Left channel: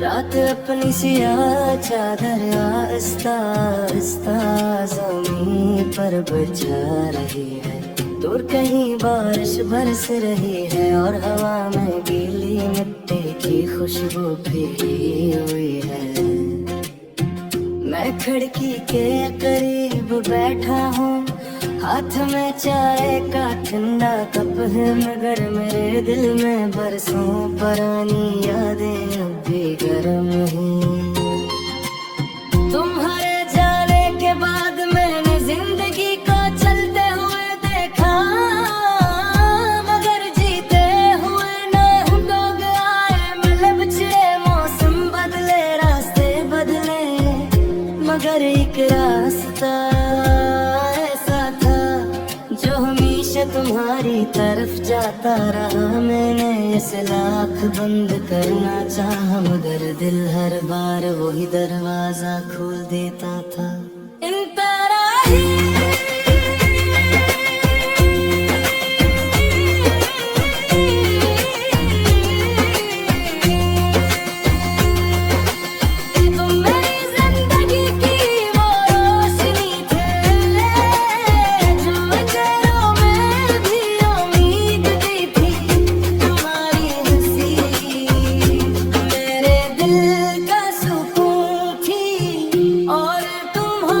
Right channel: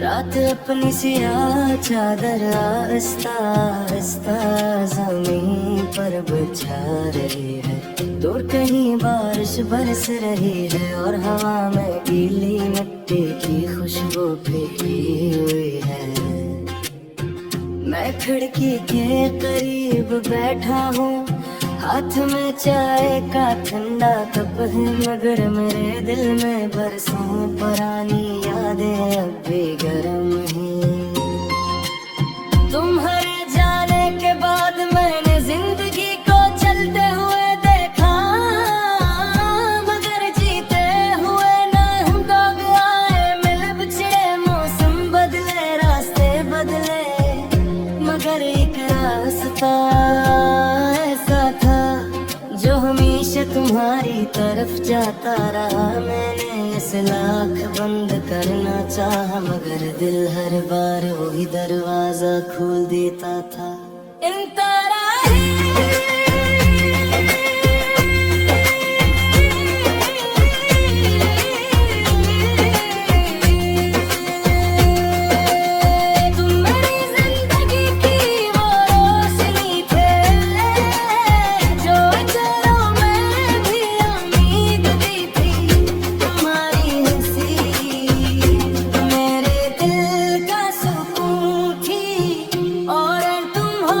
रात अपनी सियाह चादर आस्ता आस्ता ज़मीन पर बिछा रही है। दूर कहीं बारिश बरस रही है और हवा में गीली मिट्टी की खुशबू फीकी हुई है। मैं खिड़की के करीब बैठा हूँ, हाथ में चाय का ठंडा कप है, मगर मेरे दिल में बरसों पुरानी यादें अब भी गर्म हैं। तुम्हारे जाने के बाद मैंने जिंदगी को चलते हुए देखा, मगर जीते हुए ना दौड़ आए। मिले बिछड़े मौसम बदले, रास्ते बदले, मगर एक रास्ता ऐसा था जो हमेशा तुम्हारी तरफ जाता रहा। मैंने इसे लाख बंद करना चाहा, मगर दिल हर बार वही दरवाजा खोल देता था। इन तरह ही और तुम हो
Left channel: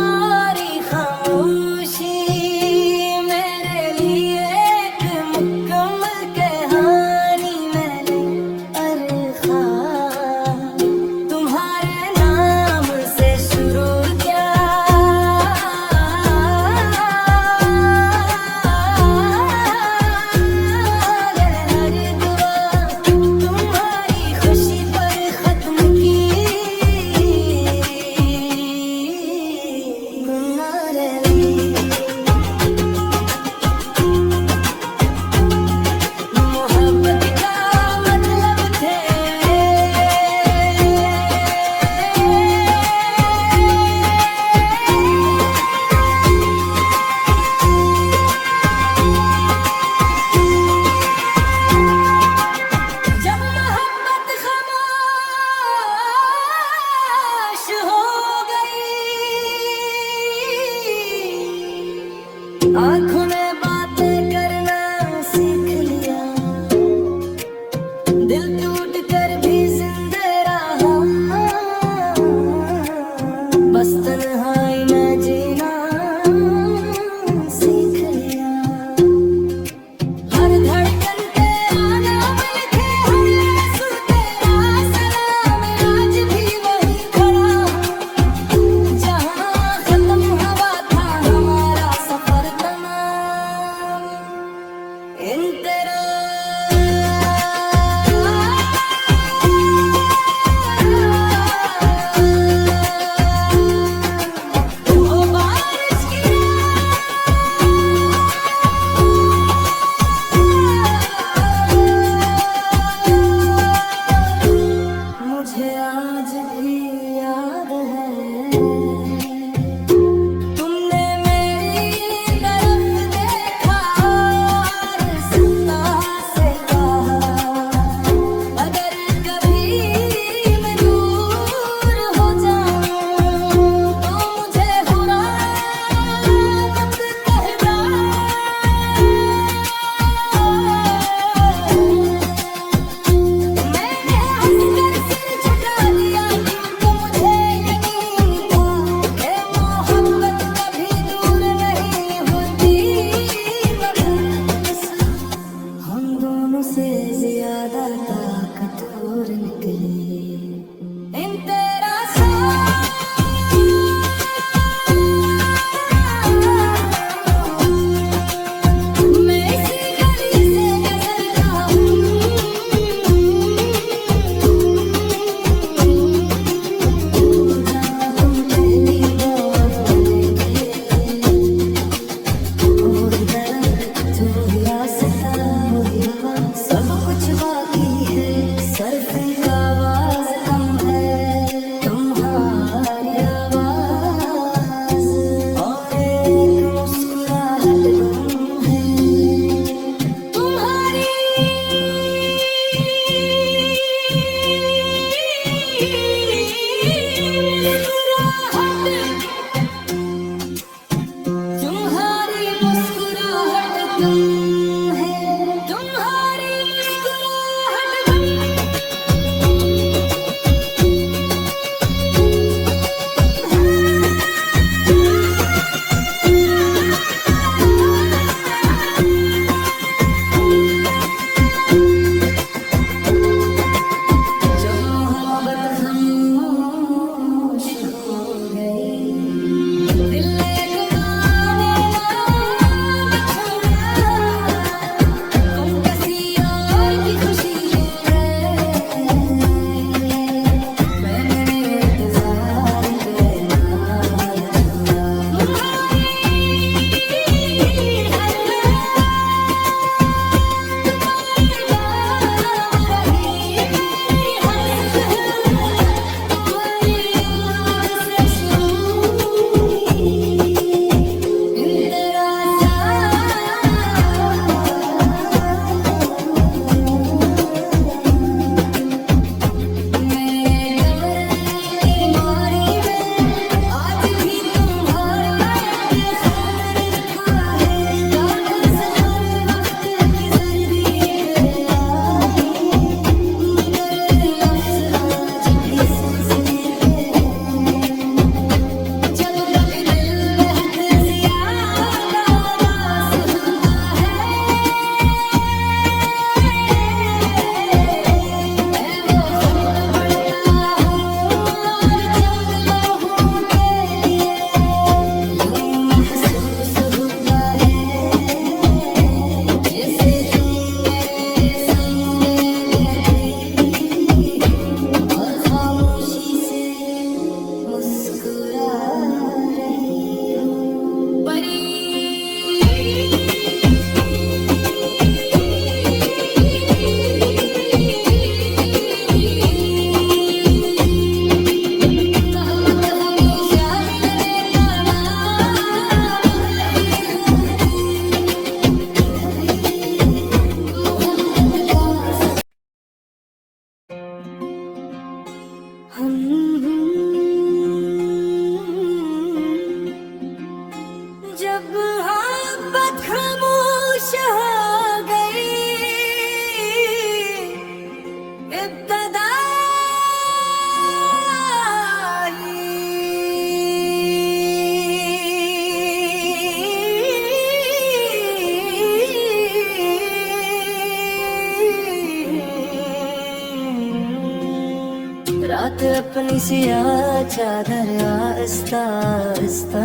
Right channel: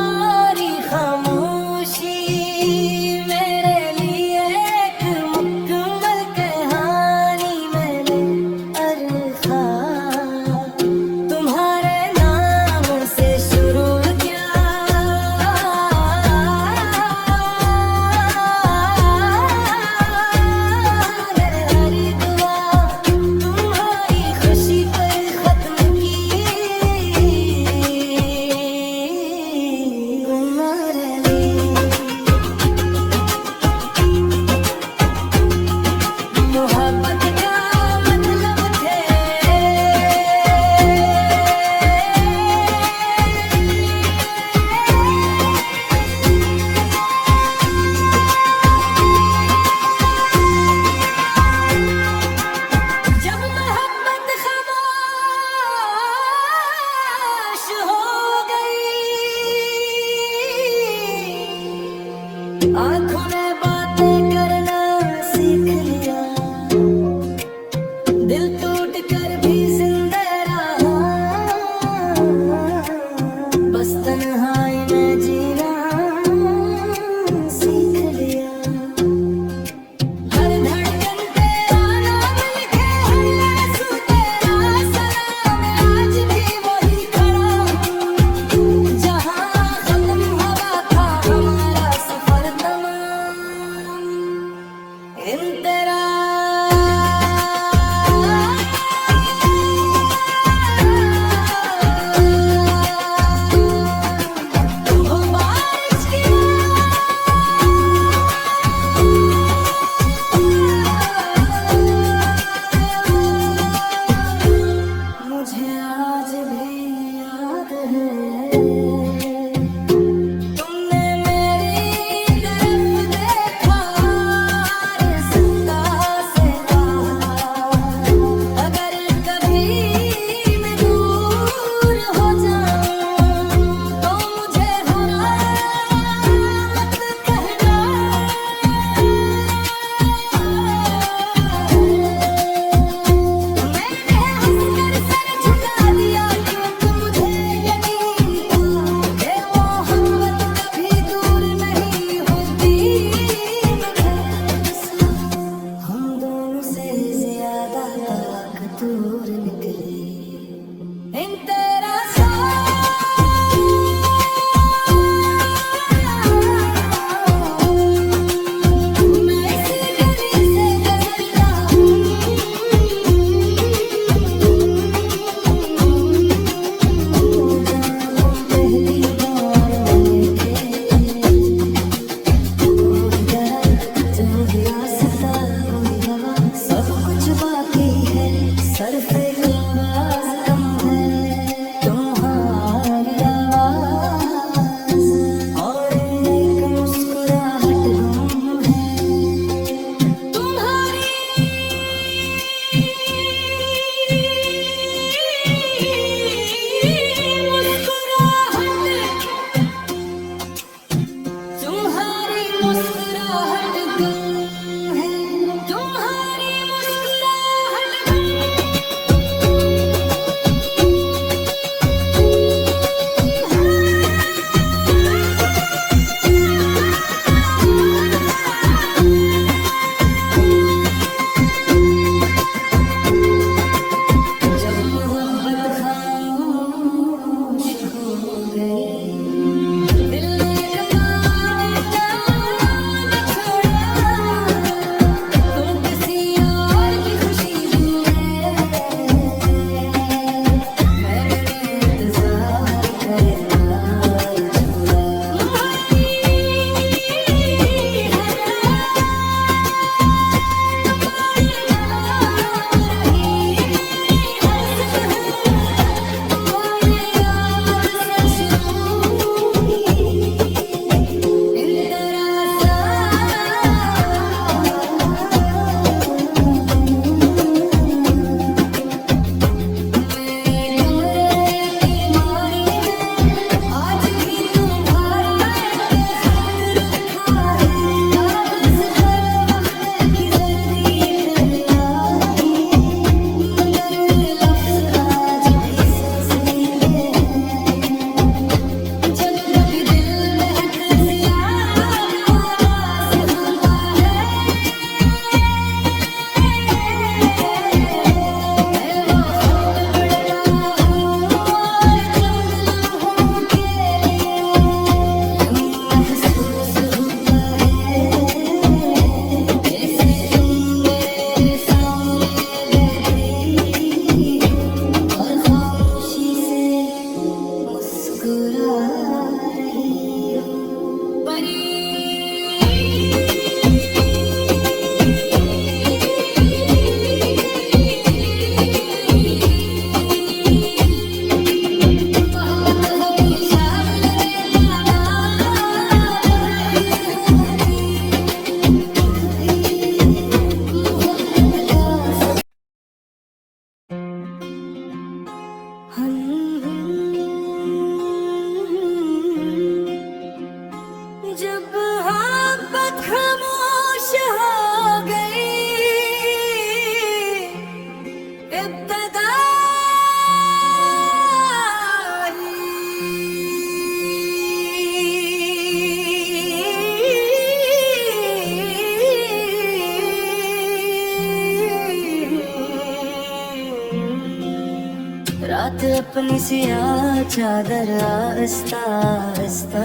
रात अपनी सियाह चादर आहिस्ता आहिस्ता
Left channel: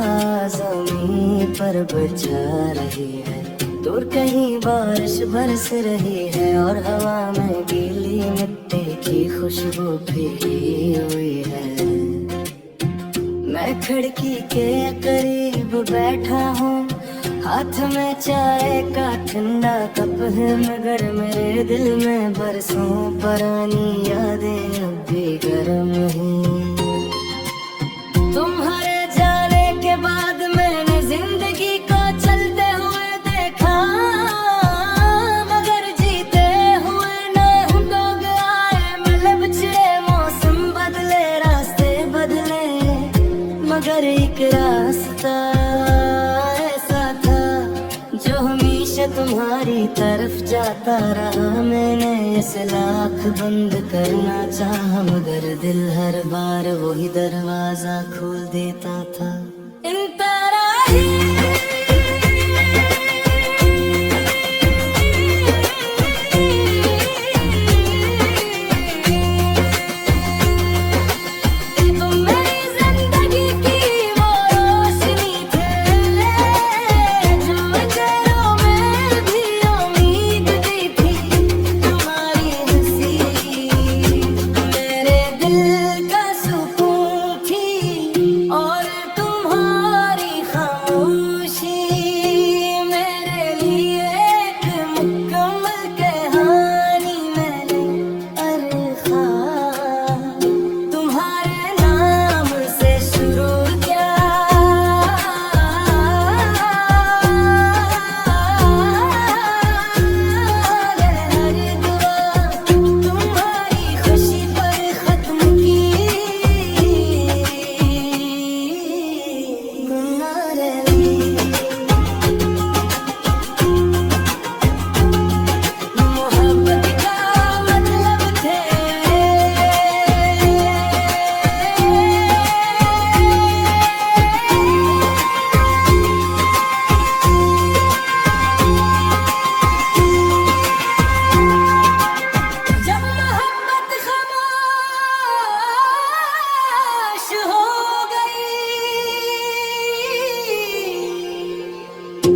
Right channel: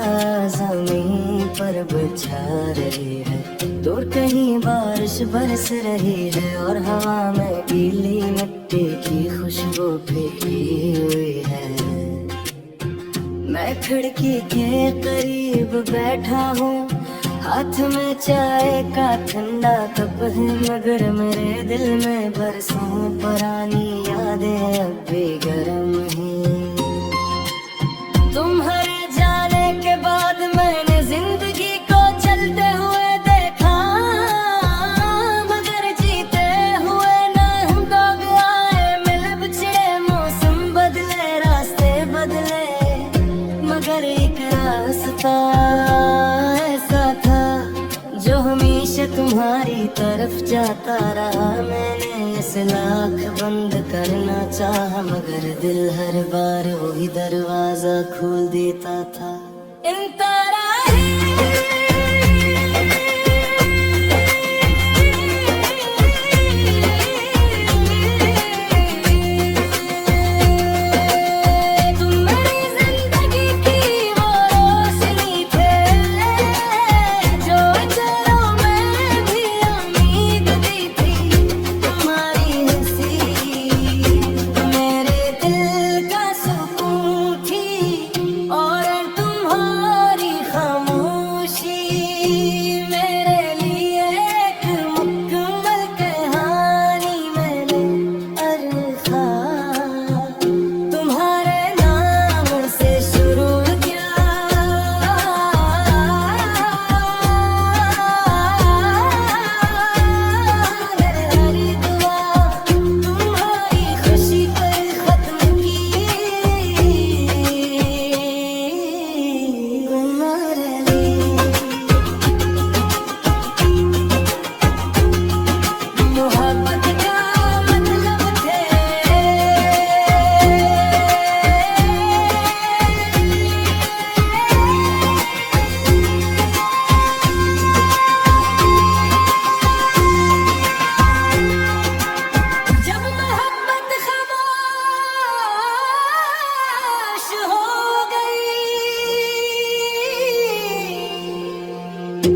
ज़मीन पर बिछा रही है। दूर कहीं बारिश बरस रही है और हवा में गीली मिट्टी की खुशबू फीकी हुई है। मैं खिड़की के करीब बैठा हूँ, हाथ में चाय का ठंडा कप है, मगर मेरे दिल में बरसों पुरानी यादें अब भी गर्म हैं। तुम्हारे जाने के बाद मैंने जिंदगी को चलते हुए देखा, मगर जीते हुए ना हूँ। दौड़ आए मिले बिछड़े, मौसम बदले रास्ते बदले, मगर एक रास्ता जो हमेशा तुम्हारी तरफ जाता रहा। मैंने इस लाख बंद करना चाहा, मगर दिल हर बार वही दरवाजा खोल देता था। इन तरह ही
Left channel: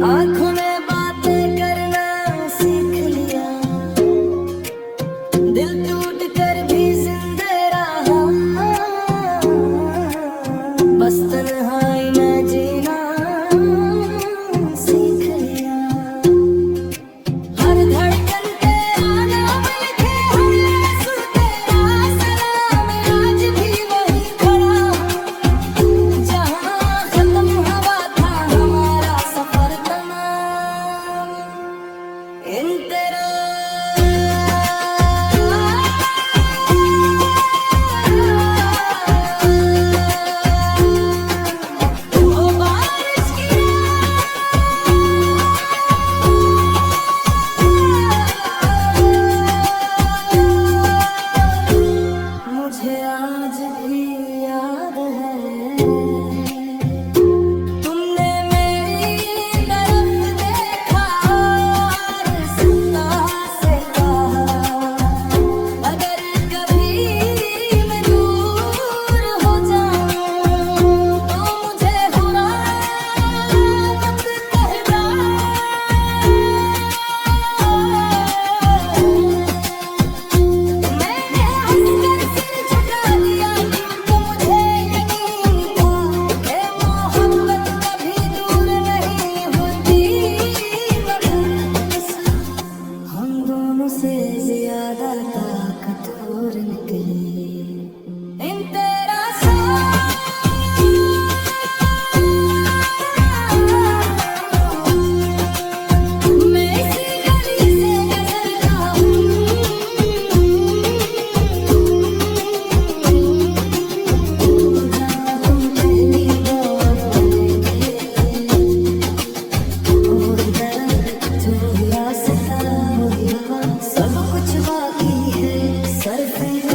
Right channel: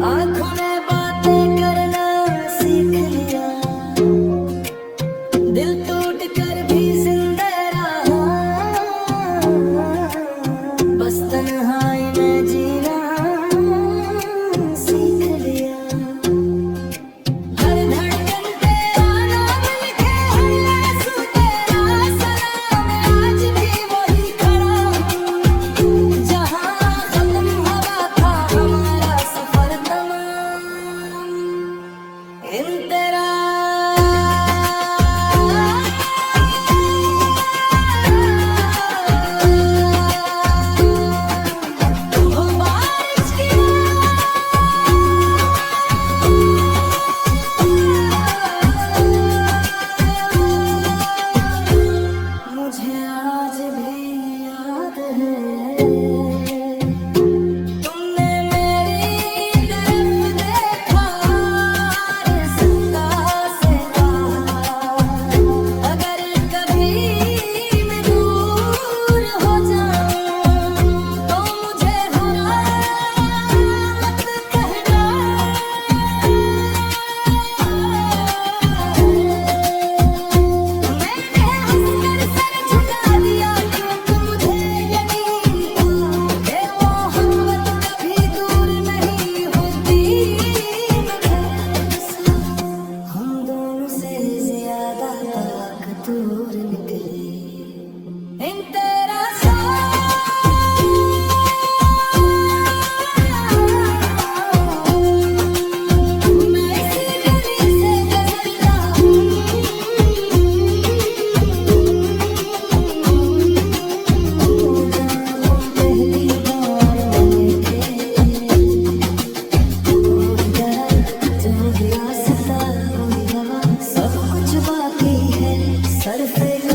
आँखों में बातें करना सीख लिया, दिल टूट कर भी जिंदा रहा। बस तन्हाई में जीना सीख लिया। हर धड़कन तेरा नाम लिखे, हर लहज़ा तेरा सलाम। आज भी वही खड़ा हूँ जहाँ खत्म हुआ था हमारा सफर तमाम। इन तेरा वो बारिश की मुझे आज भी याद है, तुमने मेरी तरफ देखा और सदा से कहा, अगर कभी मैं दूर हो जाऊं तो मुझे बुरा मत कहना। मैंने हंसकर सर झुका दिया क्योंकि मुझे यकीन था कि मोहब्बत कभी दूर नहीं होती, मगर हम दोनों से ज्यादा ताकतवर निकली। इन तेरा मैं इसी गली से गुजरता हूँ, जहाँ हम पहली बार मिले थे। जो रास्ता वही हवा, सब कुछ बाकी है, सर फिर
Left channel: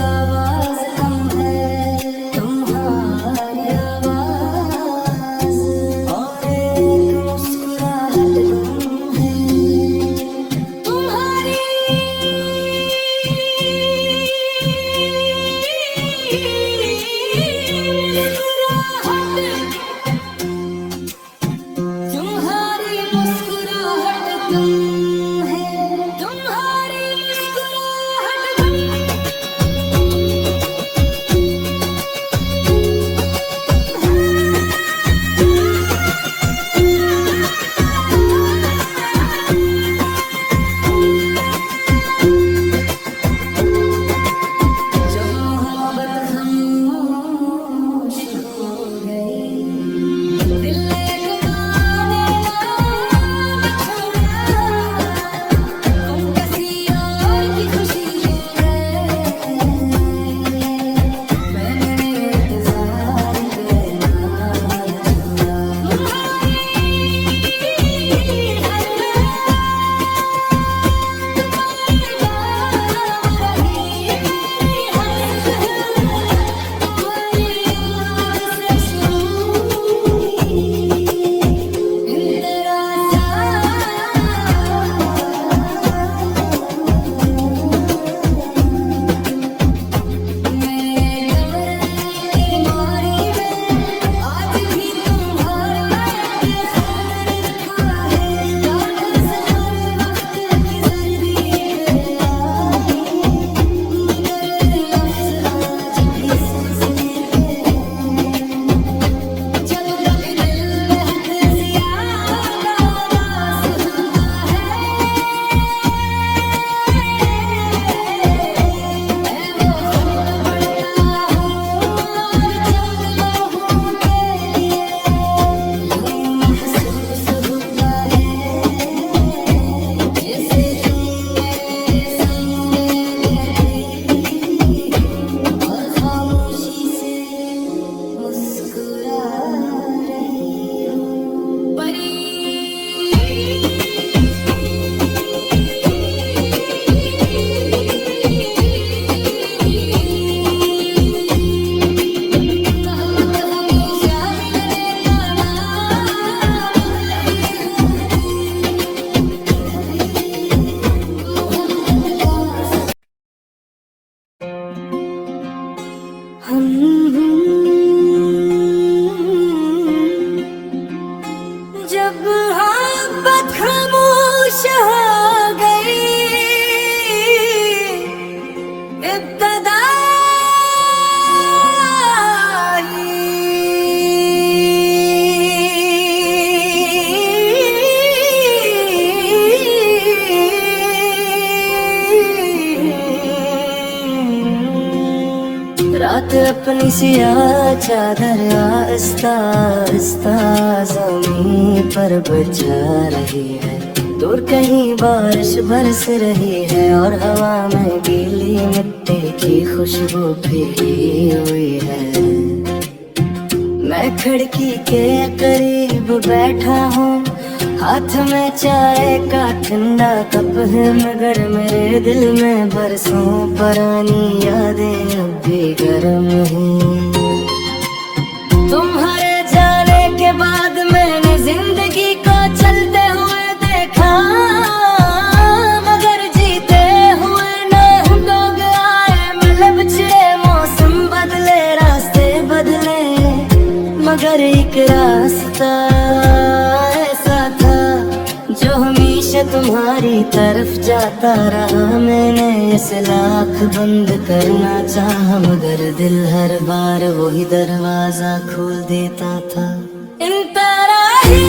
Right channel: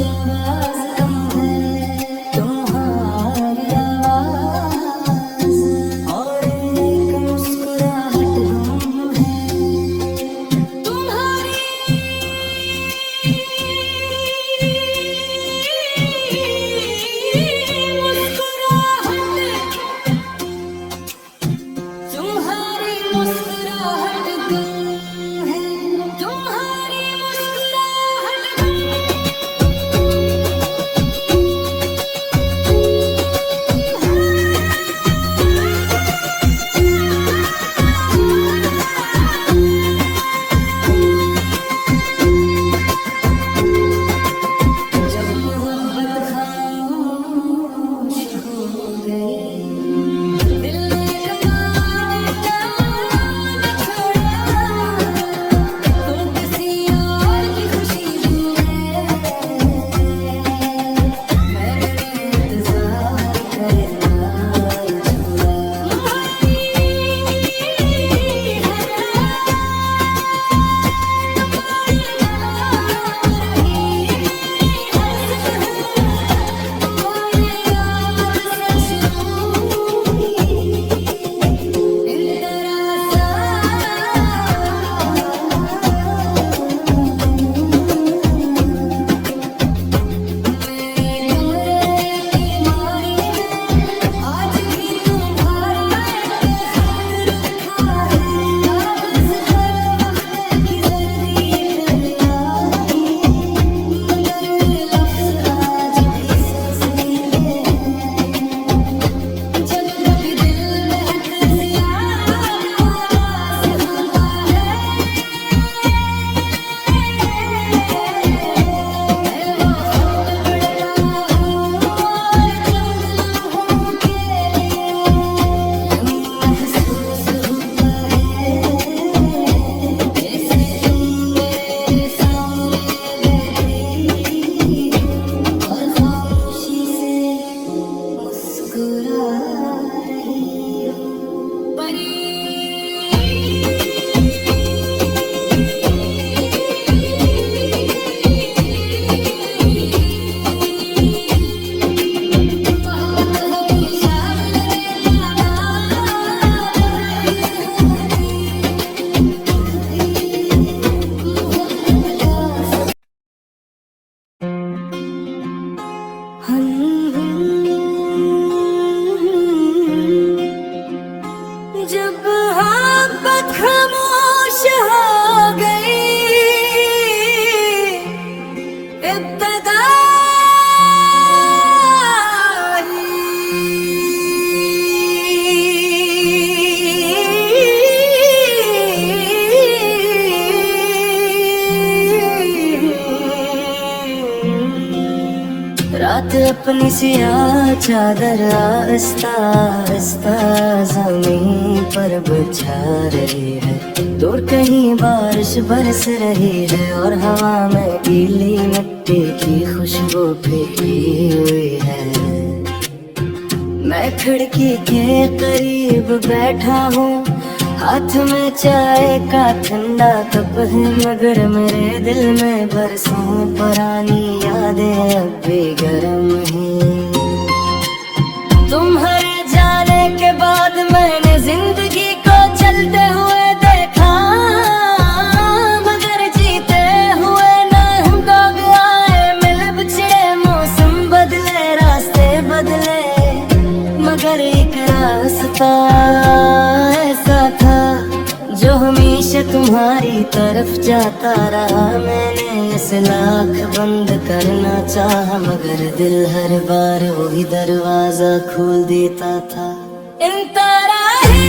रात अपनी सियाह चादर आहिस्ता आहिस्ता ज़मीन पर बिछा रही है। दूर कहीं बारिश बरस रही है और हवा में गीली मिट्टी की खुशबू भीगी हुई है। मैं खिड़की के करीब बैठा हूँ, हाथ में चाय का ठंडा कप है, मगर मेरे दिल में बरसों पुरानी यादें अब भी गर्म हैं। तुम्हारे जाने के बाद मैंने जिंदगी को चलते हुए देखा, मगर जीते हुए ना दौग आए। मिले बिछड़े मौसम बदले रास्ते बदले, मगर एक रास्ता जो हमेशा तुम्हारी तरफ जाता रहा। मैंने इस लाख बंद करना चाहा, मगर दिल हर बार वही दरवाजा खोल देता था। इन तरह ही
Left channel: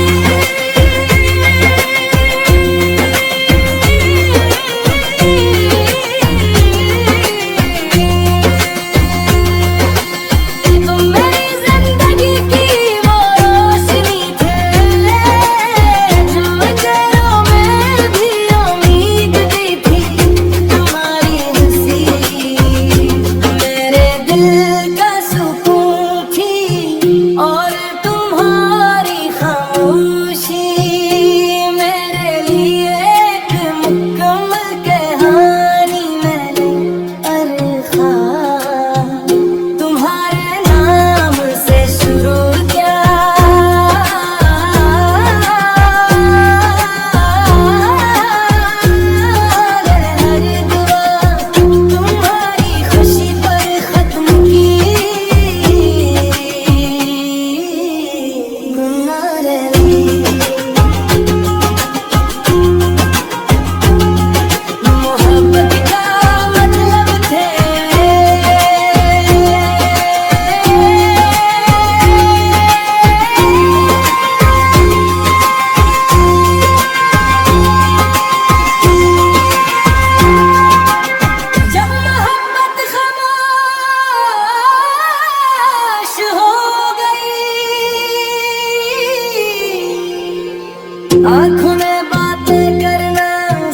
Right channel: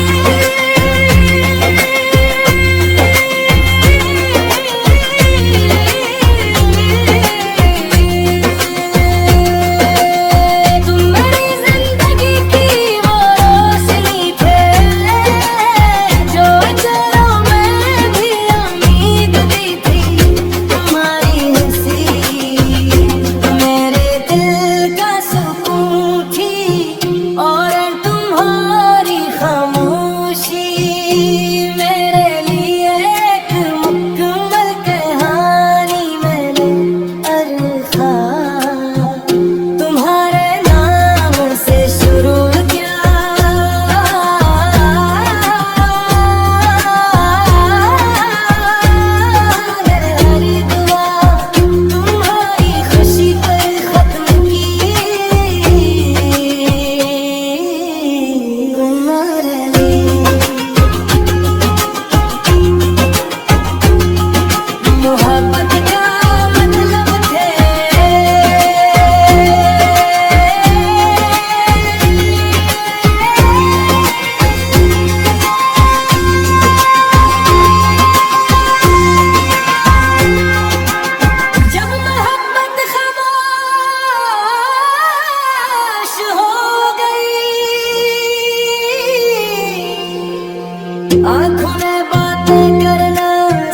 आँखों में बातें करना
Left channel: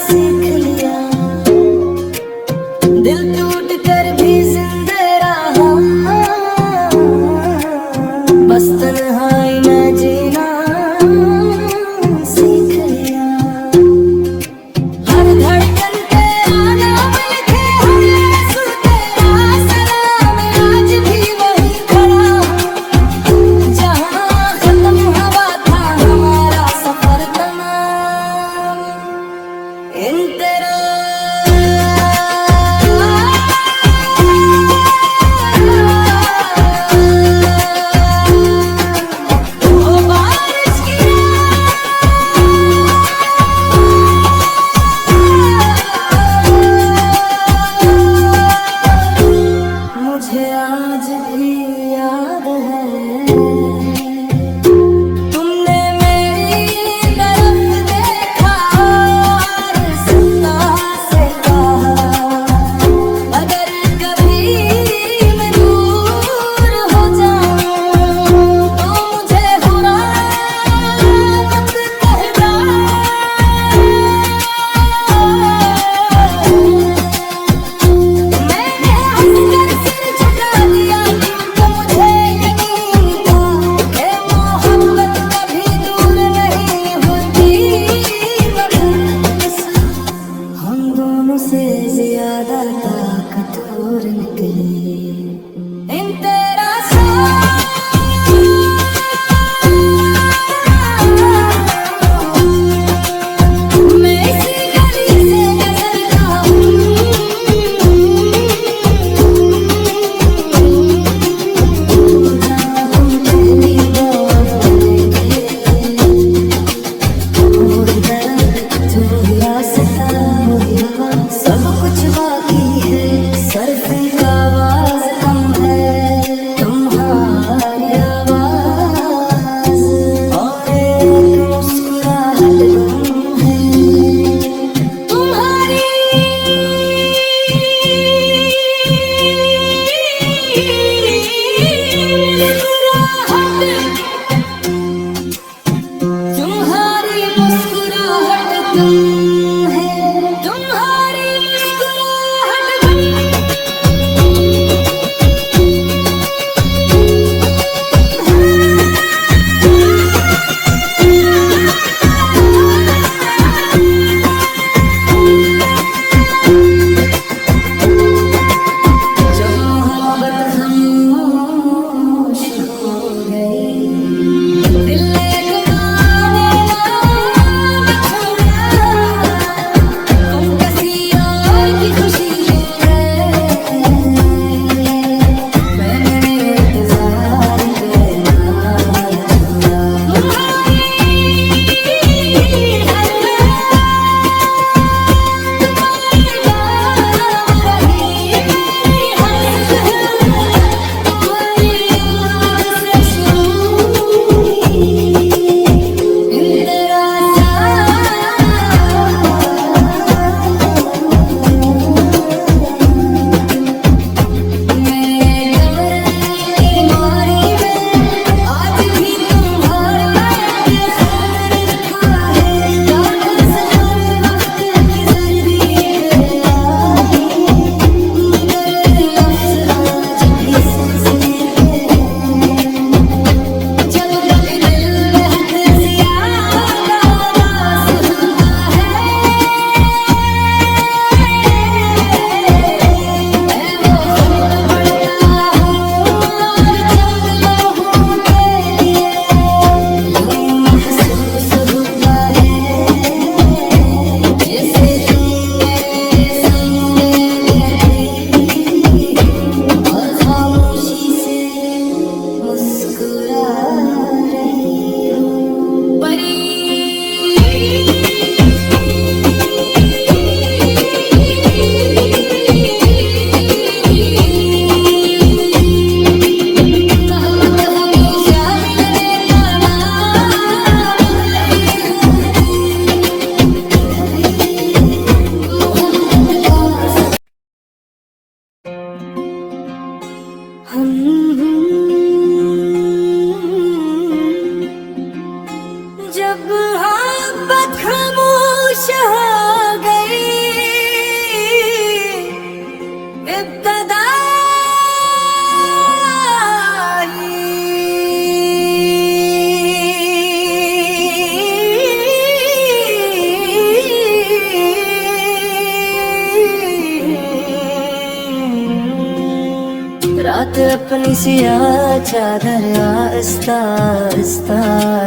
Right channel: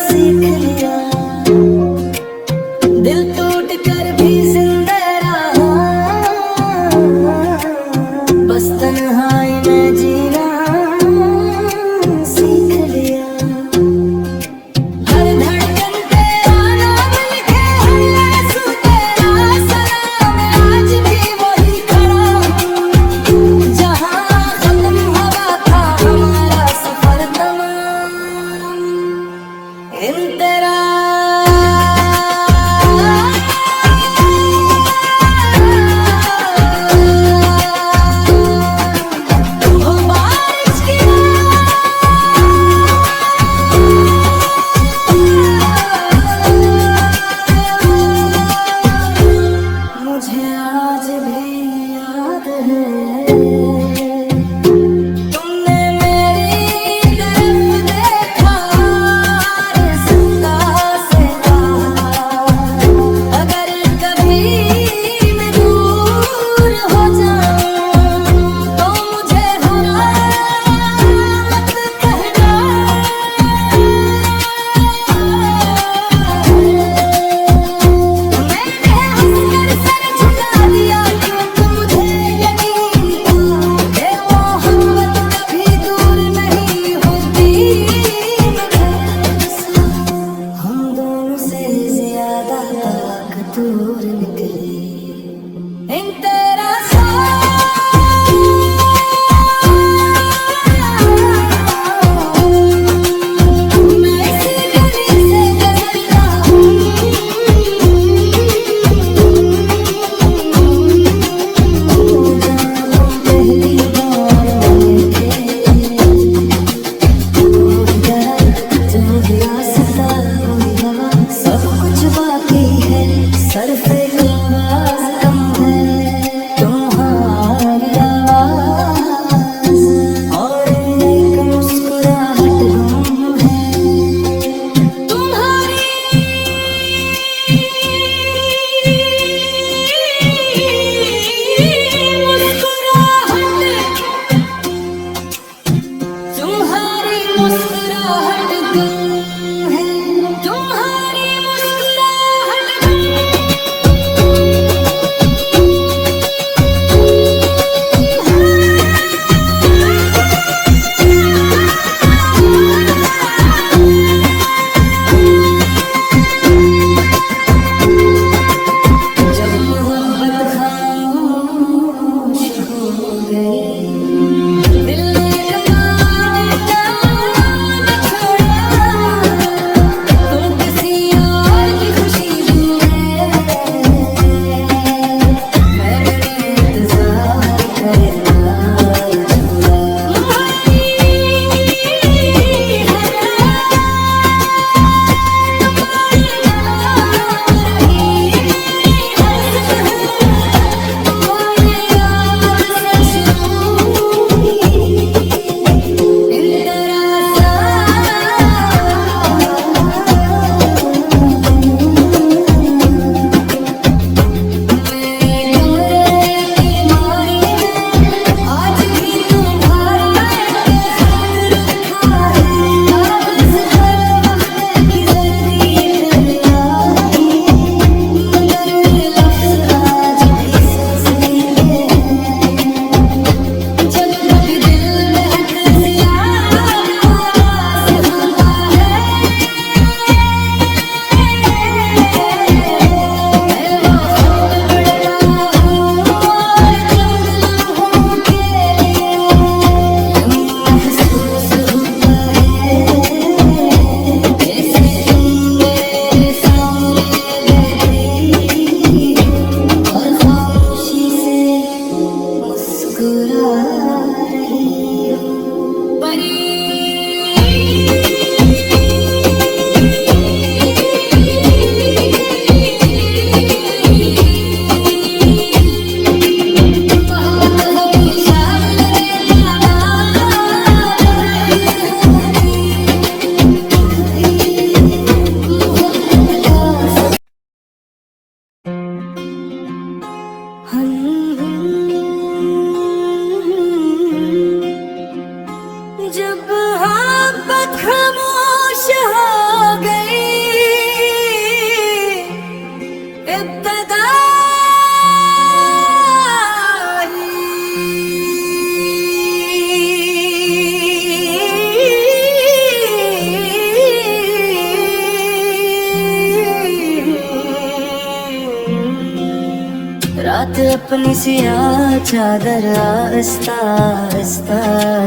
सीख लिया, दिल टूट कर भी जिंदा रहा। बस तन्हाई में जीना सीख लिया। हर धड़कन तेरा नाम लिखे, हर आंसू तेरा सलाम। आज भी वही खड़ा हूँ जहाँ खत्म हुआ था हमारा सफर तमाम। इन तरह वो बारिश की मुझे आज भी याद है, तुमने मेरी तरफ देखा और सत्ता से कहा, अगर कभी मैं दूर हो जाऊं तो मुझे बुरा मत कहना। मैंने हंसकर सर झुका इब्तदा रात अपनी सियाह चादर आस्ता आस्ता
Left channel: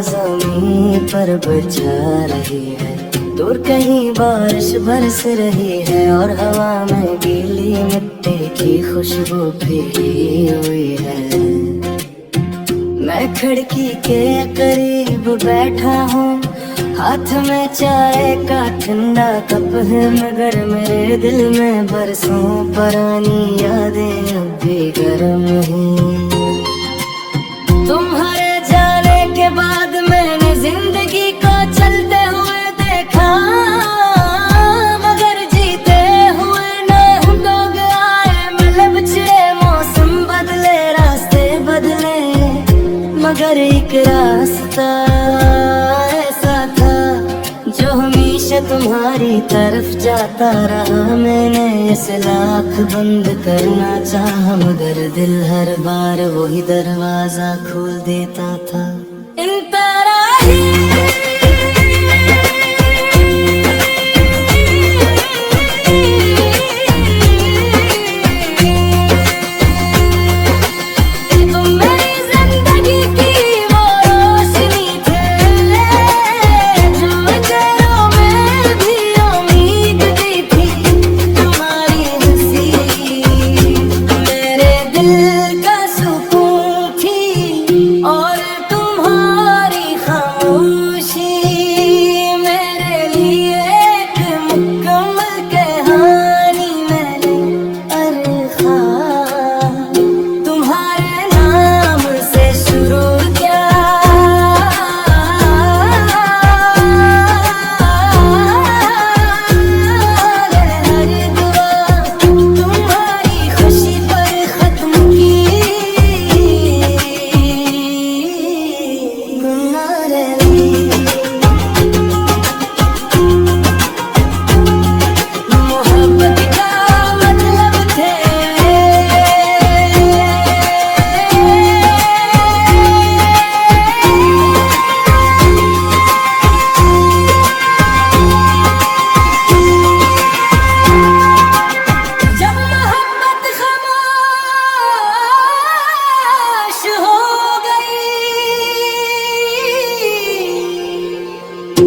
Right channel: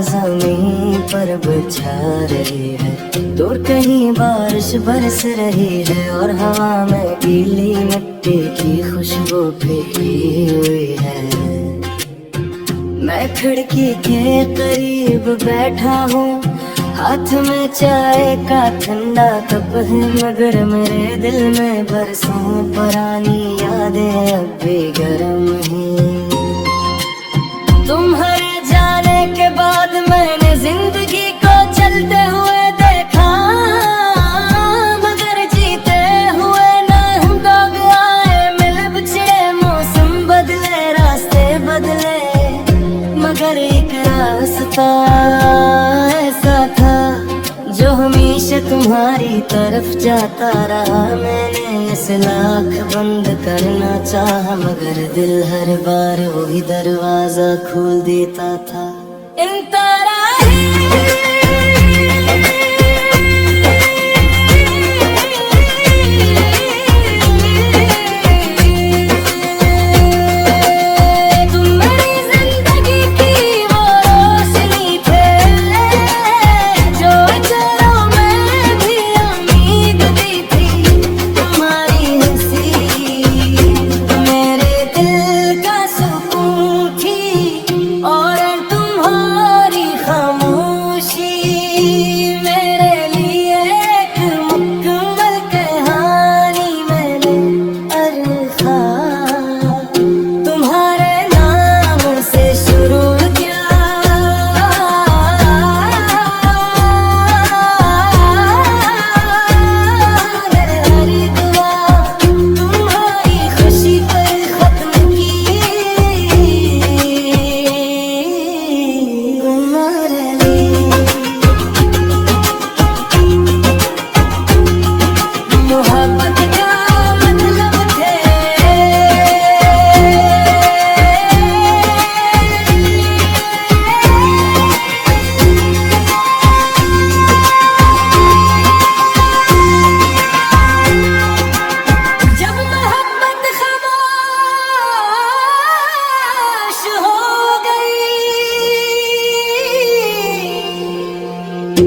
ज़मीन पर बिछा रही है। दूर कहीं बारिश बरस रही है और हवा में गीली मिट्टी की खुशबू भीगी हुई है। मैं खिड़की के करीब बैठा हूँ, हाथ में चाय का ठंडा कप है, मगर मेरे दिल में बरसों पुरानी यादें अब भी गर्म हैं। तुम्हारे जाने के बाद मैंने जिंदगी को चलते हुए देखा, मगर जीते हुए ना दौड़ आए। मिले बिछड़े मौसम बदले, रास्ते बदले, मगर एक रास्ता ऐसा था जो हमेशा तुम्हारी तरफ जाता रहा। मैंने इसे लाख बंद करना चाहा, मगर दिल हर बार वही दरवाजा खोल देता था। इन तरह ही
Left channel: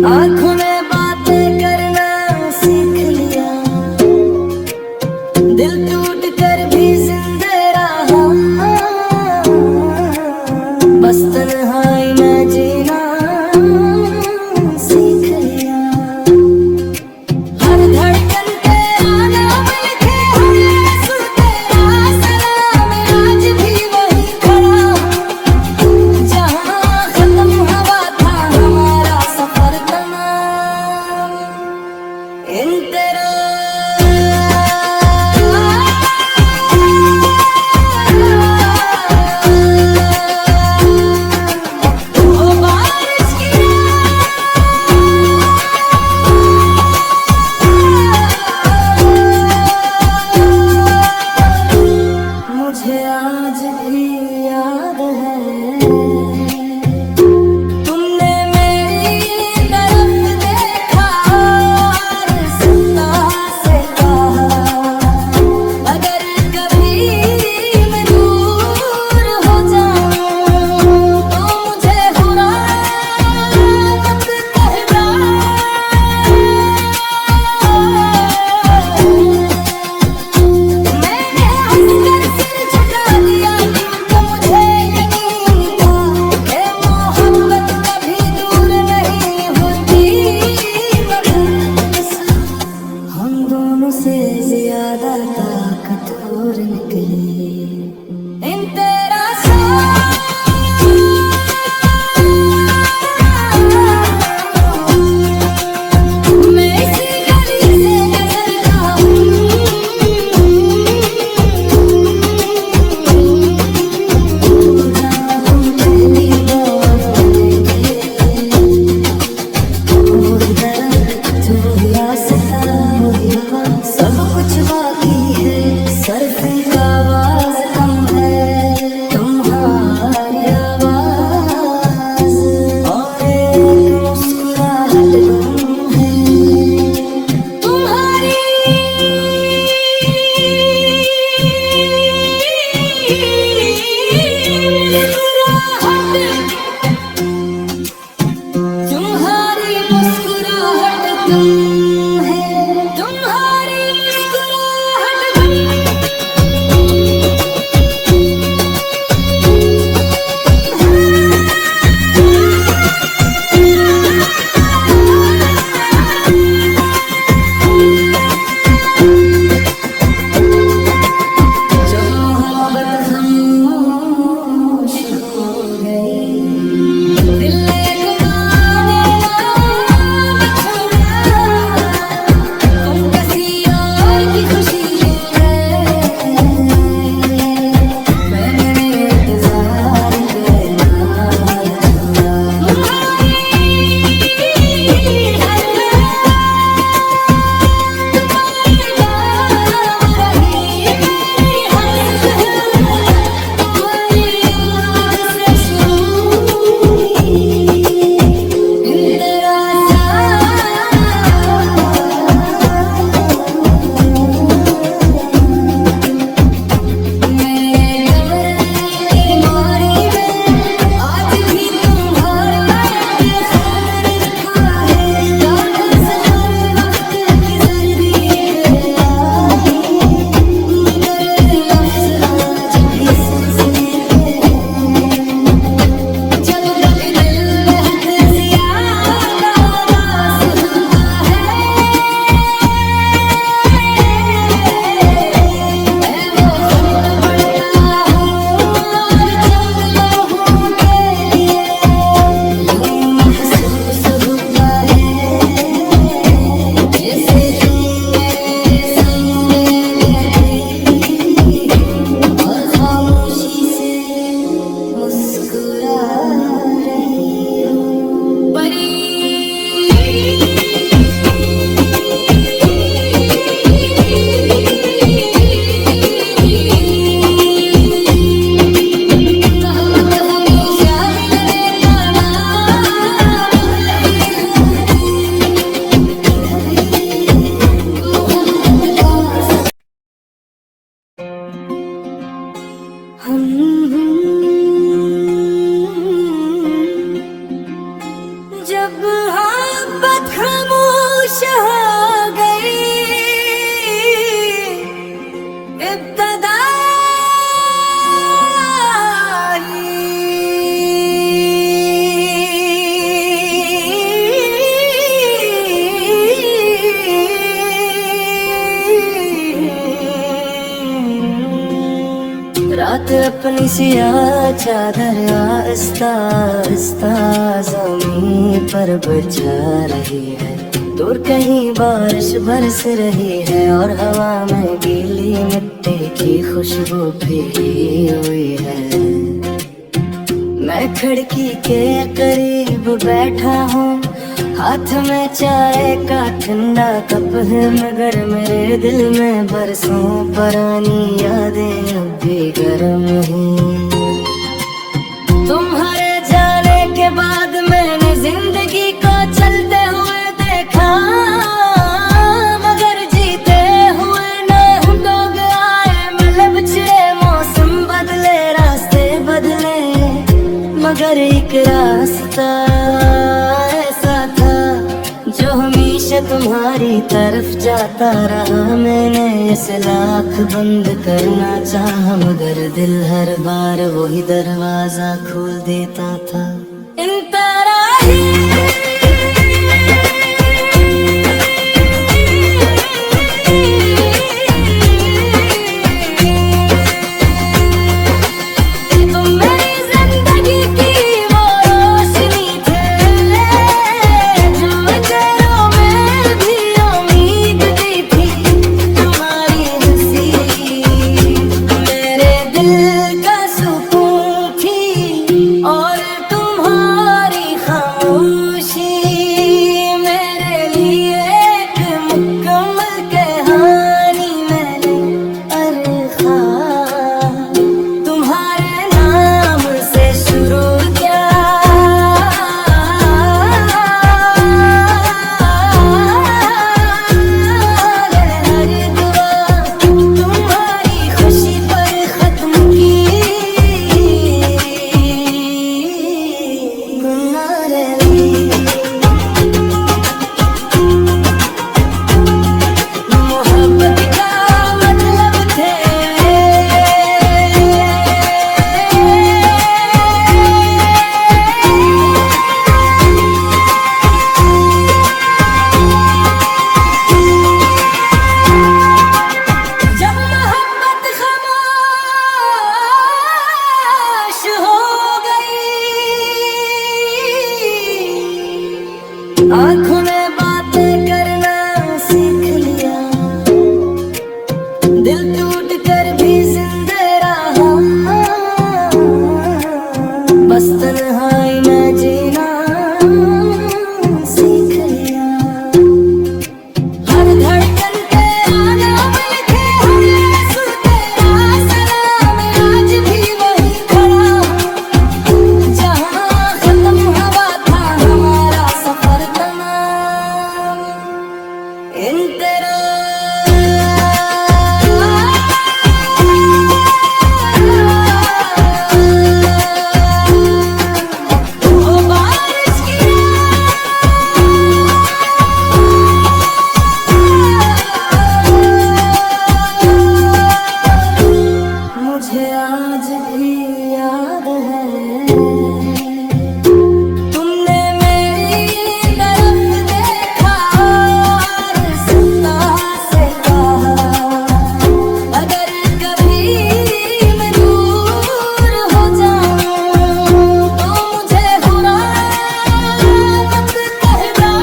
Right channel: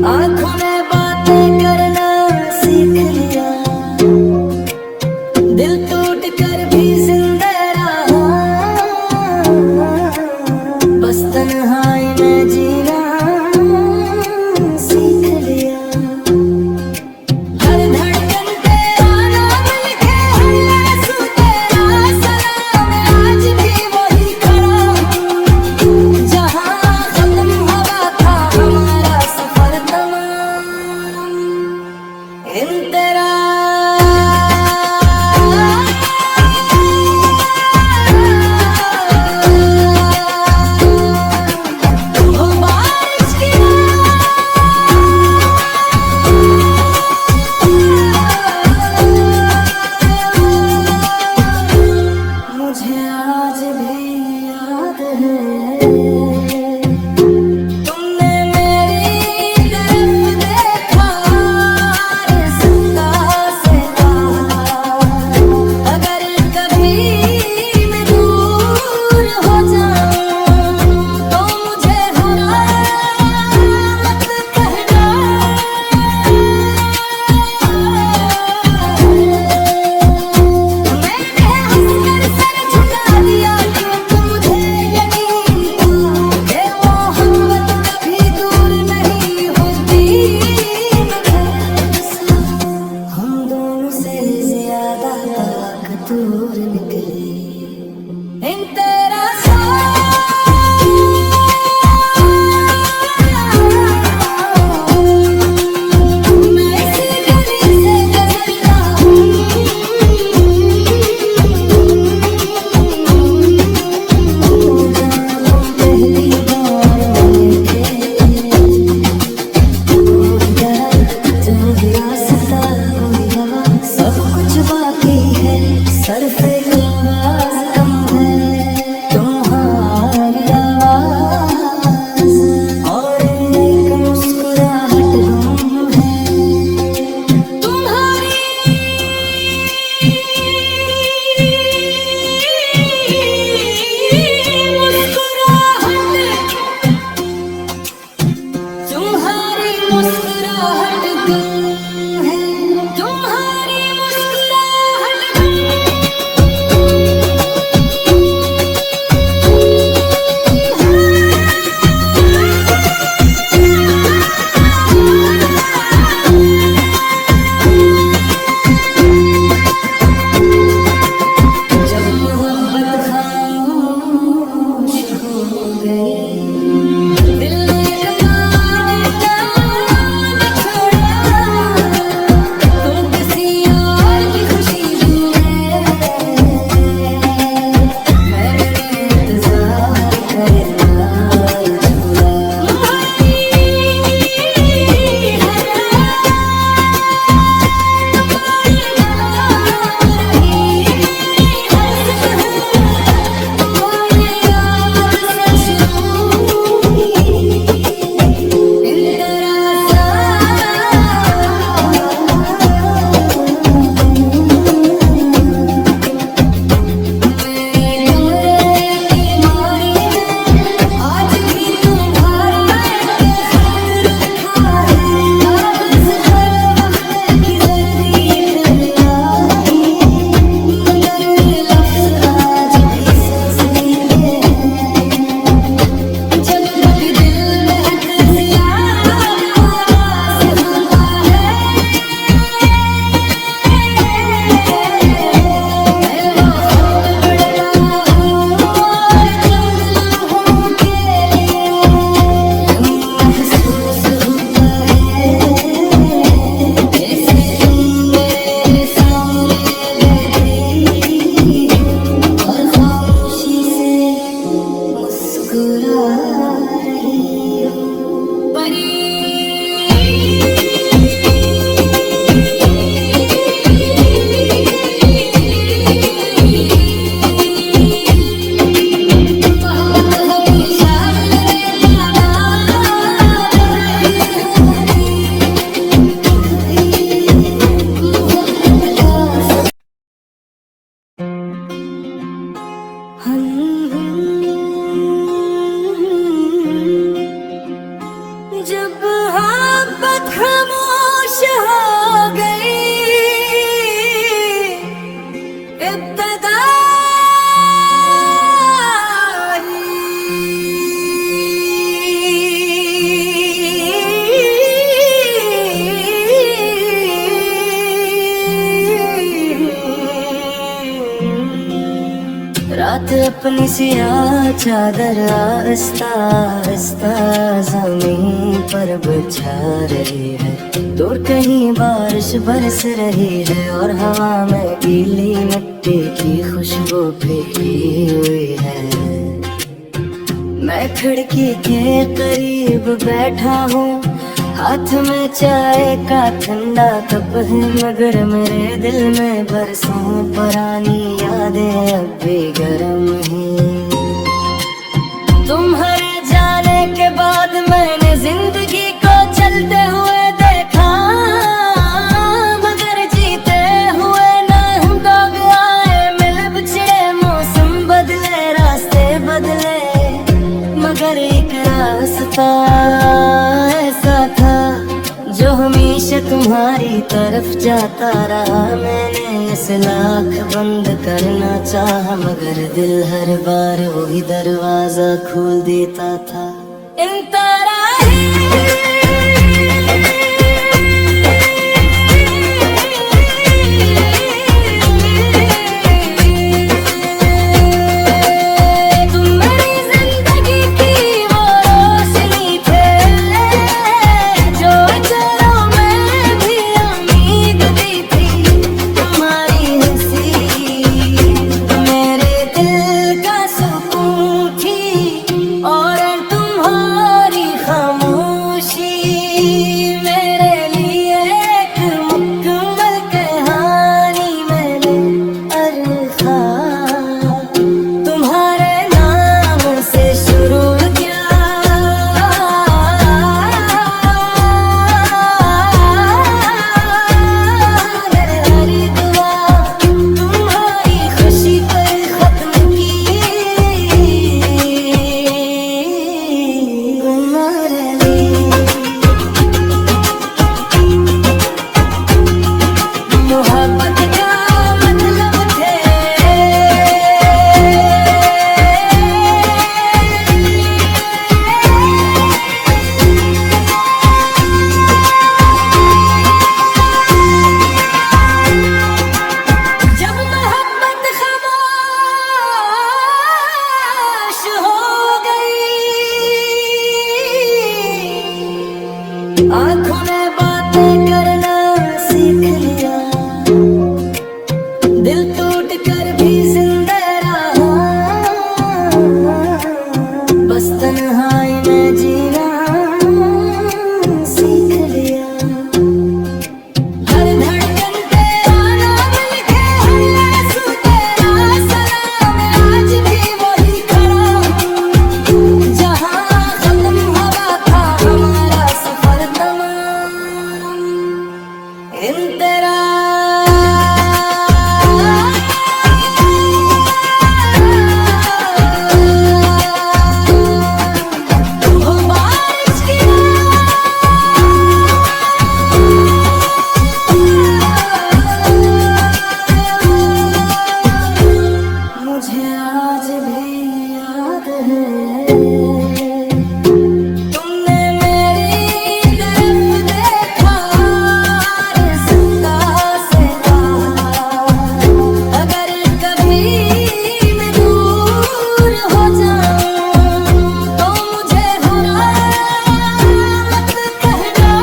आँखों में बातें करना सीख लिया, दिल टूट कर भी जिंदा रहा। बस तन्हाई में जीना सीख लिया। हर धड़कन तेरा नाम लिखे, हर आंसू तेरा सलाम। आज भी वही खड़ा हूँ जहाँ खत्म हुआ था हमारा सफर तमाम। इन तरह वो बारिश की मुझे आज भी याद है, तुमने मेरी तरफ देखा और जिंदा से कहा, अगर कभी मैं दूर हो जाऊं तो मुझे बुरा मत कहना। मैंने हंसकर सर झुका सर से आवाज कम है तुम्हारी आवाज, और एक मुस्कुराहट गुम है तुम्हारी। तुम्हारी मुस्कुराहट गुम है, तुम्हारी मुस्कुराहट जब मोहब्बत खामोश हो गई, दिल ने कमाने ना छोड़ा, तुम किसी और की खुशी यूं है, मैंने इंतजार करना छोड़ा। जब मोहब्बत खामोश हो गई, इब्तिदा रात अपनी सियाह चादर आस्ता आस्ता ज़मीन पर बिछा रही है, दूर कहीं बारिश बरस रही है, और हवा में गीली मिट्टी की खुशबू भीगी हुई है। मैं खिड़की के करीब बैठा हूँ, हाथ में चाय का ठंडा कप है, मगर मेरे दिल में बरसों पुरानी यादें अब भी गर्म हैं। तुम्हारे जाने के बाद मैंने जिंदगी को चलते हुए देखा, मगर जीते हुए ना दौग आए, मिले बिछड़े मौसम बदले, रास्ते बदले, मगर एक रास्ता ऐसा था जो हमेशा तुम्हारी तरफ जाता रहा। मैंने इसे लाख बंद करना चाहा, मगर दिल हर बार वही दरवाजा खोल देता था। इन तरह ही और तुम्हारी खामोशी मुझे आज भी याद है तुमने मेरी तरफ देखा और सुनता से कहा अगर कभी मैं दूर हो जाऊं तो मुझे हुआ मत कहना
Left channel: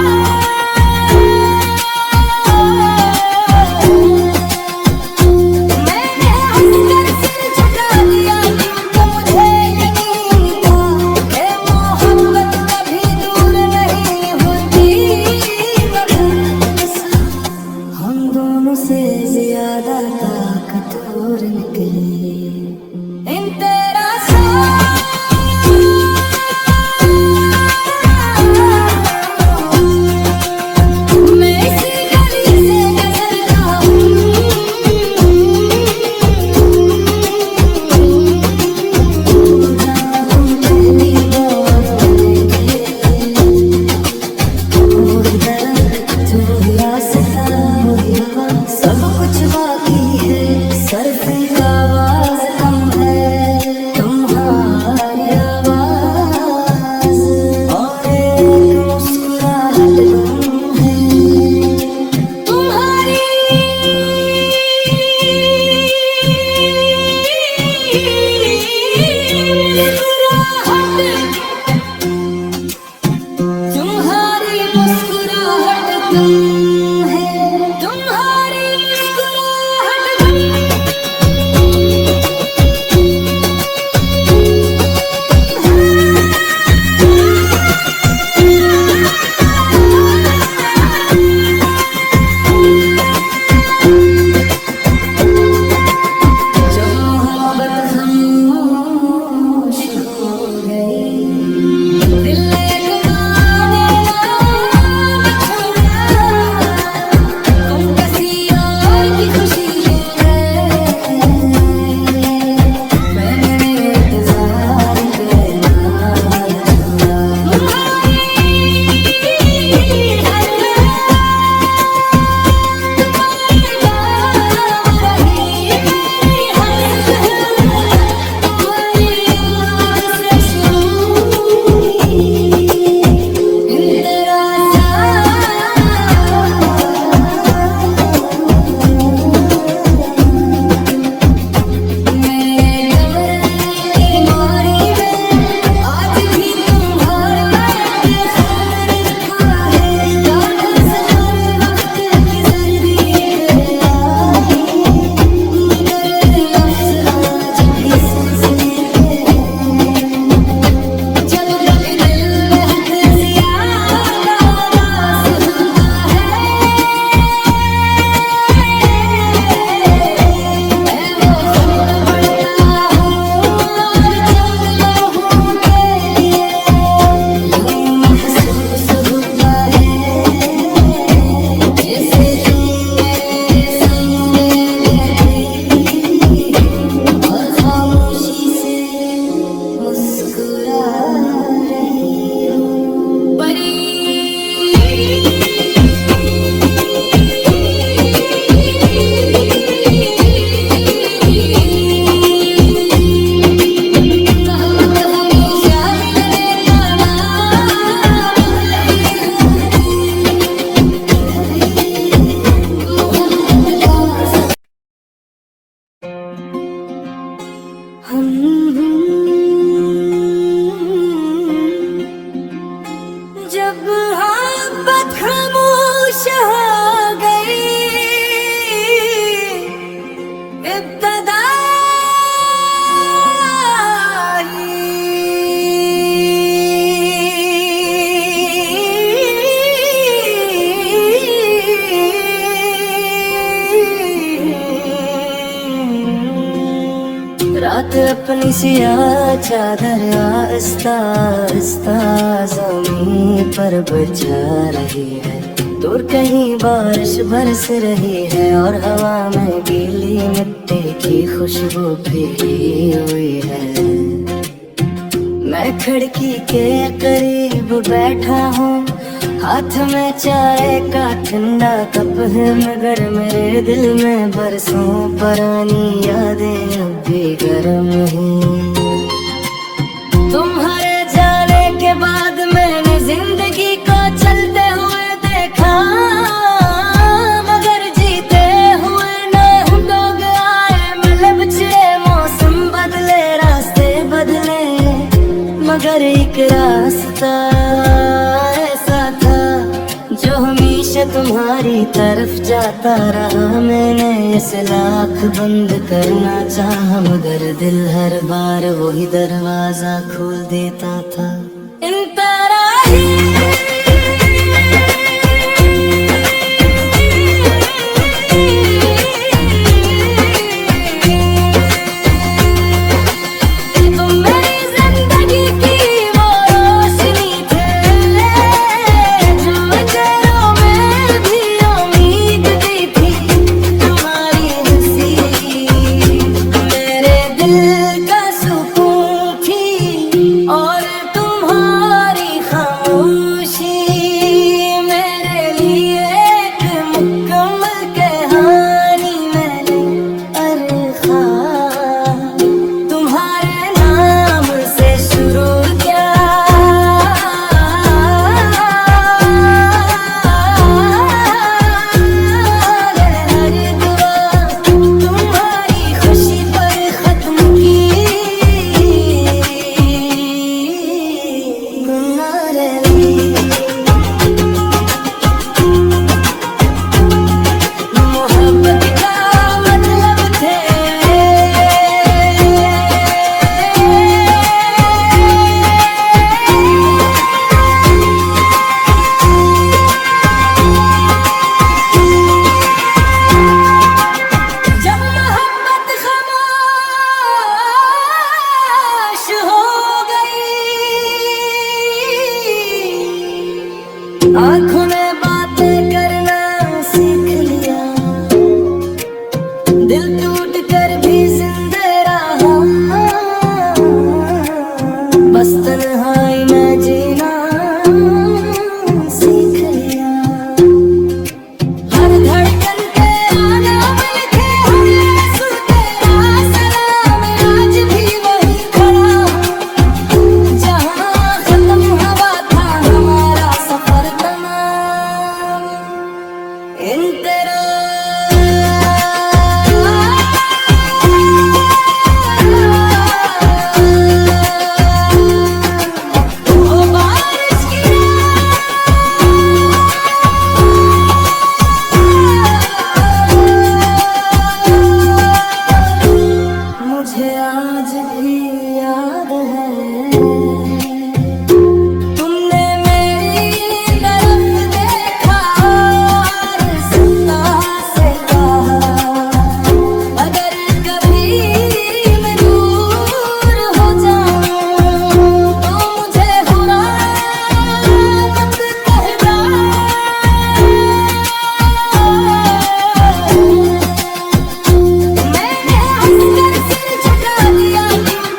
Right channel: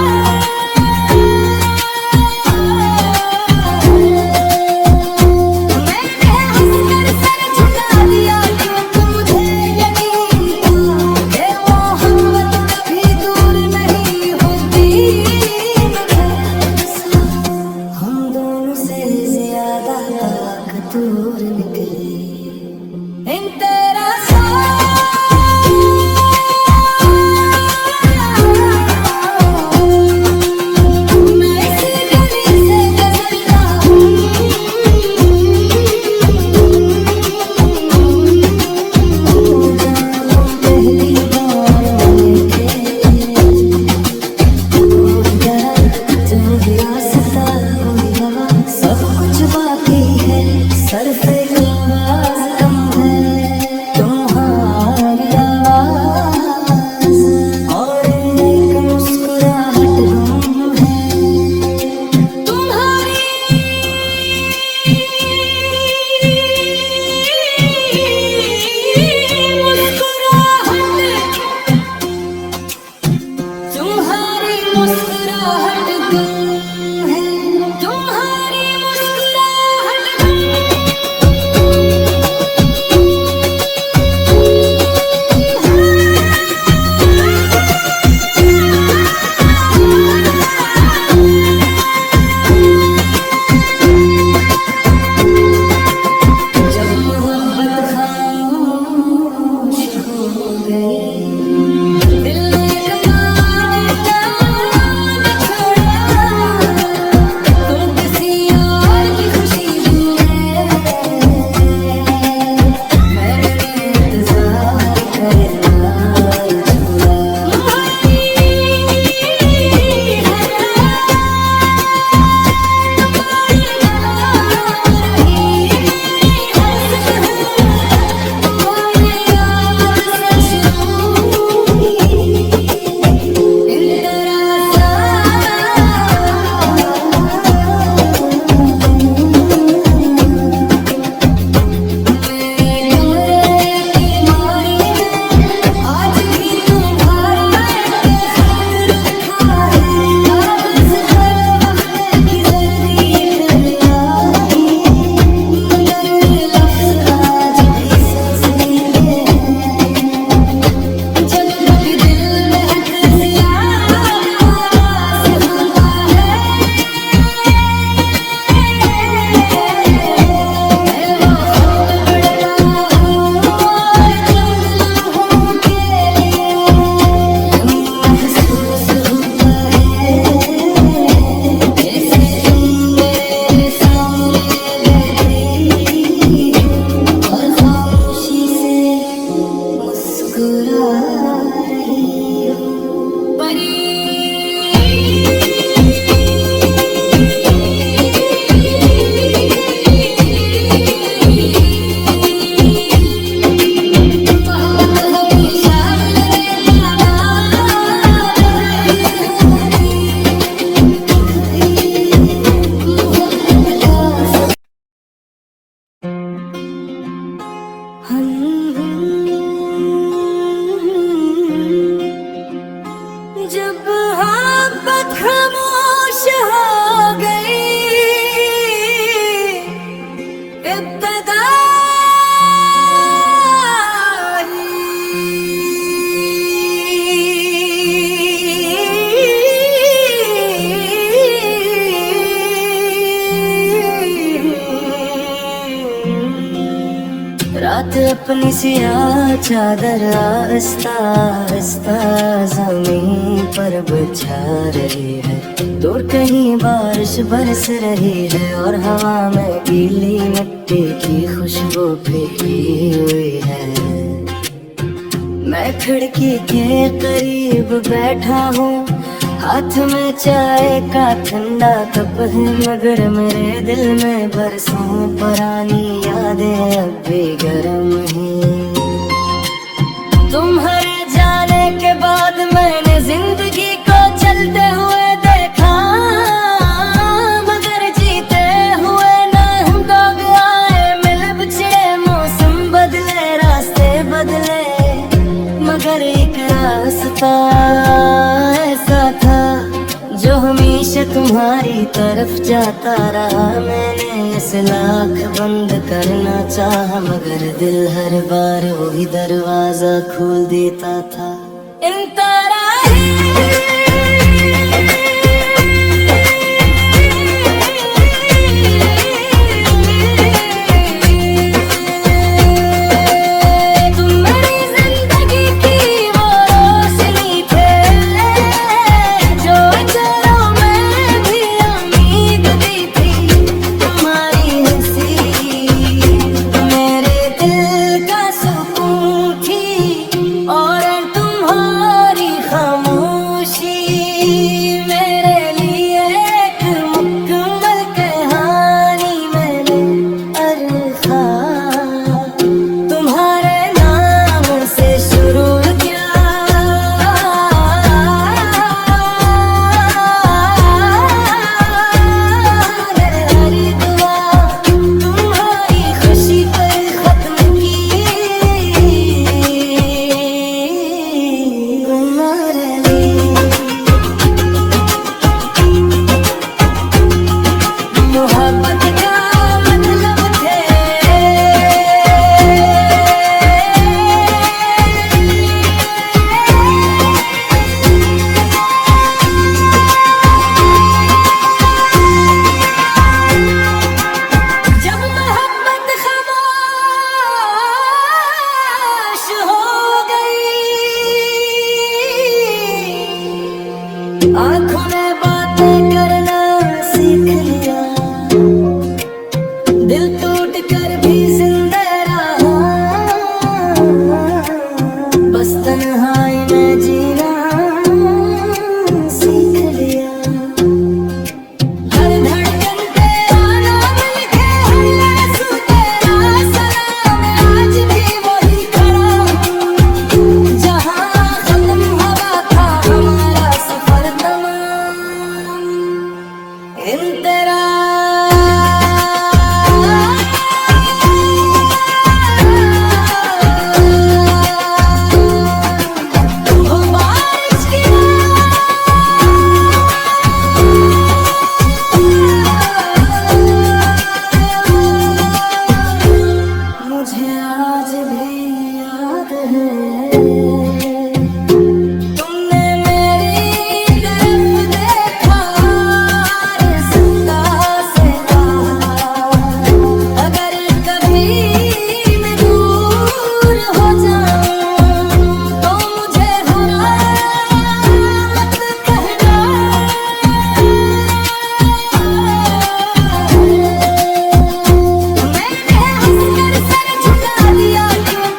मैंने हंसकर सर झुका दिया क्योंकि मुझे यकीन था कि मोहब्बत कभी दूर नहीं होती मगर हम दोनों से ज्यादा ताकतवर निकली इन तेरा मैं इसी गली से गुजरता हूँ जहाँ तुम पहली बार मिले जो रास्ता वही हवा सब कुछ बाकी है सिर्फ आवाज कम है तुम्हारी आवाज और एक मुस्कुराहट गुम है तुम्हारी मुस्कुराहट गुम है तुम्हारी मुस्कुराहट जब मोहब्बत खामोश हो गई दिल एक माने ना छोड़ा तुम किसी और की खुशी है मैंने इंतजार करना छोड़ा जब कभी दिल में हद से ज्यादा रास होता है मैं वो बढ़ता हूँ चंद लम्हों के लिए महसूस होता है जैसे तुम मेरे सामने बैठी और खामोशी से मुस्कुरा रही हो परी मोहब्बत हमेशा मेरे जब मोहब्बत खामोश हो गई इब्तदा रात अपनी सियाह चादर आहिस्ता आहिस्ता ज़मीन पर बिछा रही है दूर कहीं बारिश बरस रही है और हवा में गीली मिट्टी की खुशबू भीगी हुई है मैं खिड़की के करीब बैठा हूँ हाथ में चाय का ठंडा कप है मगर मेरे दिल में बरसों पुरानी यादें अब भी तुम्हारी तरफ जाता रहा, मैंने ऐसे लाख बंद करना चाहा, मगर दिल हर बार वही दरवाजा खोल देता था। इन तरह ही आँखों में बातें करना सीख लिया, दिल टूट कर भी जिंदा रहा, बस तन्हाई में जीना सीख लिया। हर धड़कन तेरा नाम लिखे, हर आंसू तेरा सलाम, आज भी वही खड़ा हूँ जहाँ खत्म हुआ था हमारा सफर तमाम। इन तरह मुझे आज भी याद है, तुमने मेरी तरफ देखा, रास्ता से कहा, अगर कभी मैं दूर हो जाऊं तो मुझे हुआ मत कहना। मैंने हंसकर सर झुका दिया, क्यों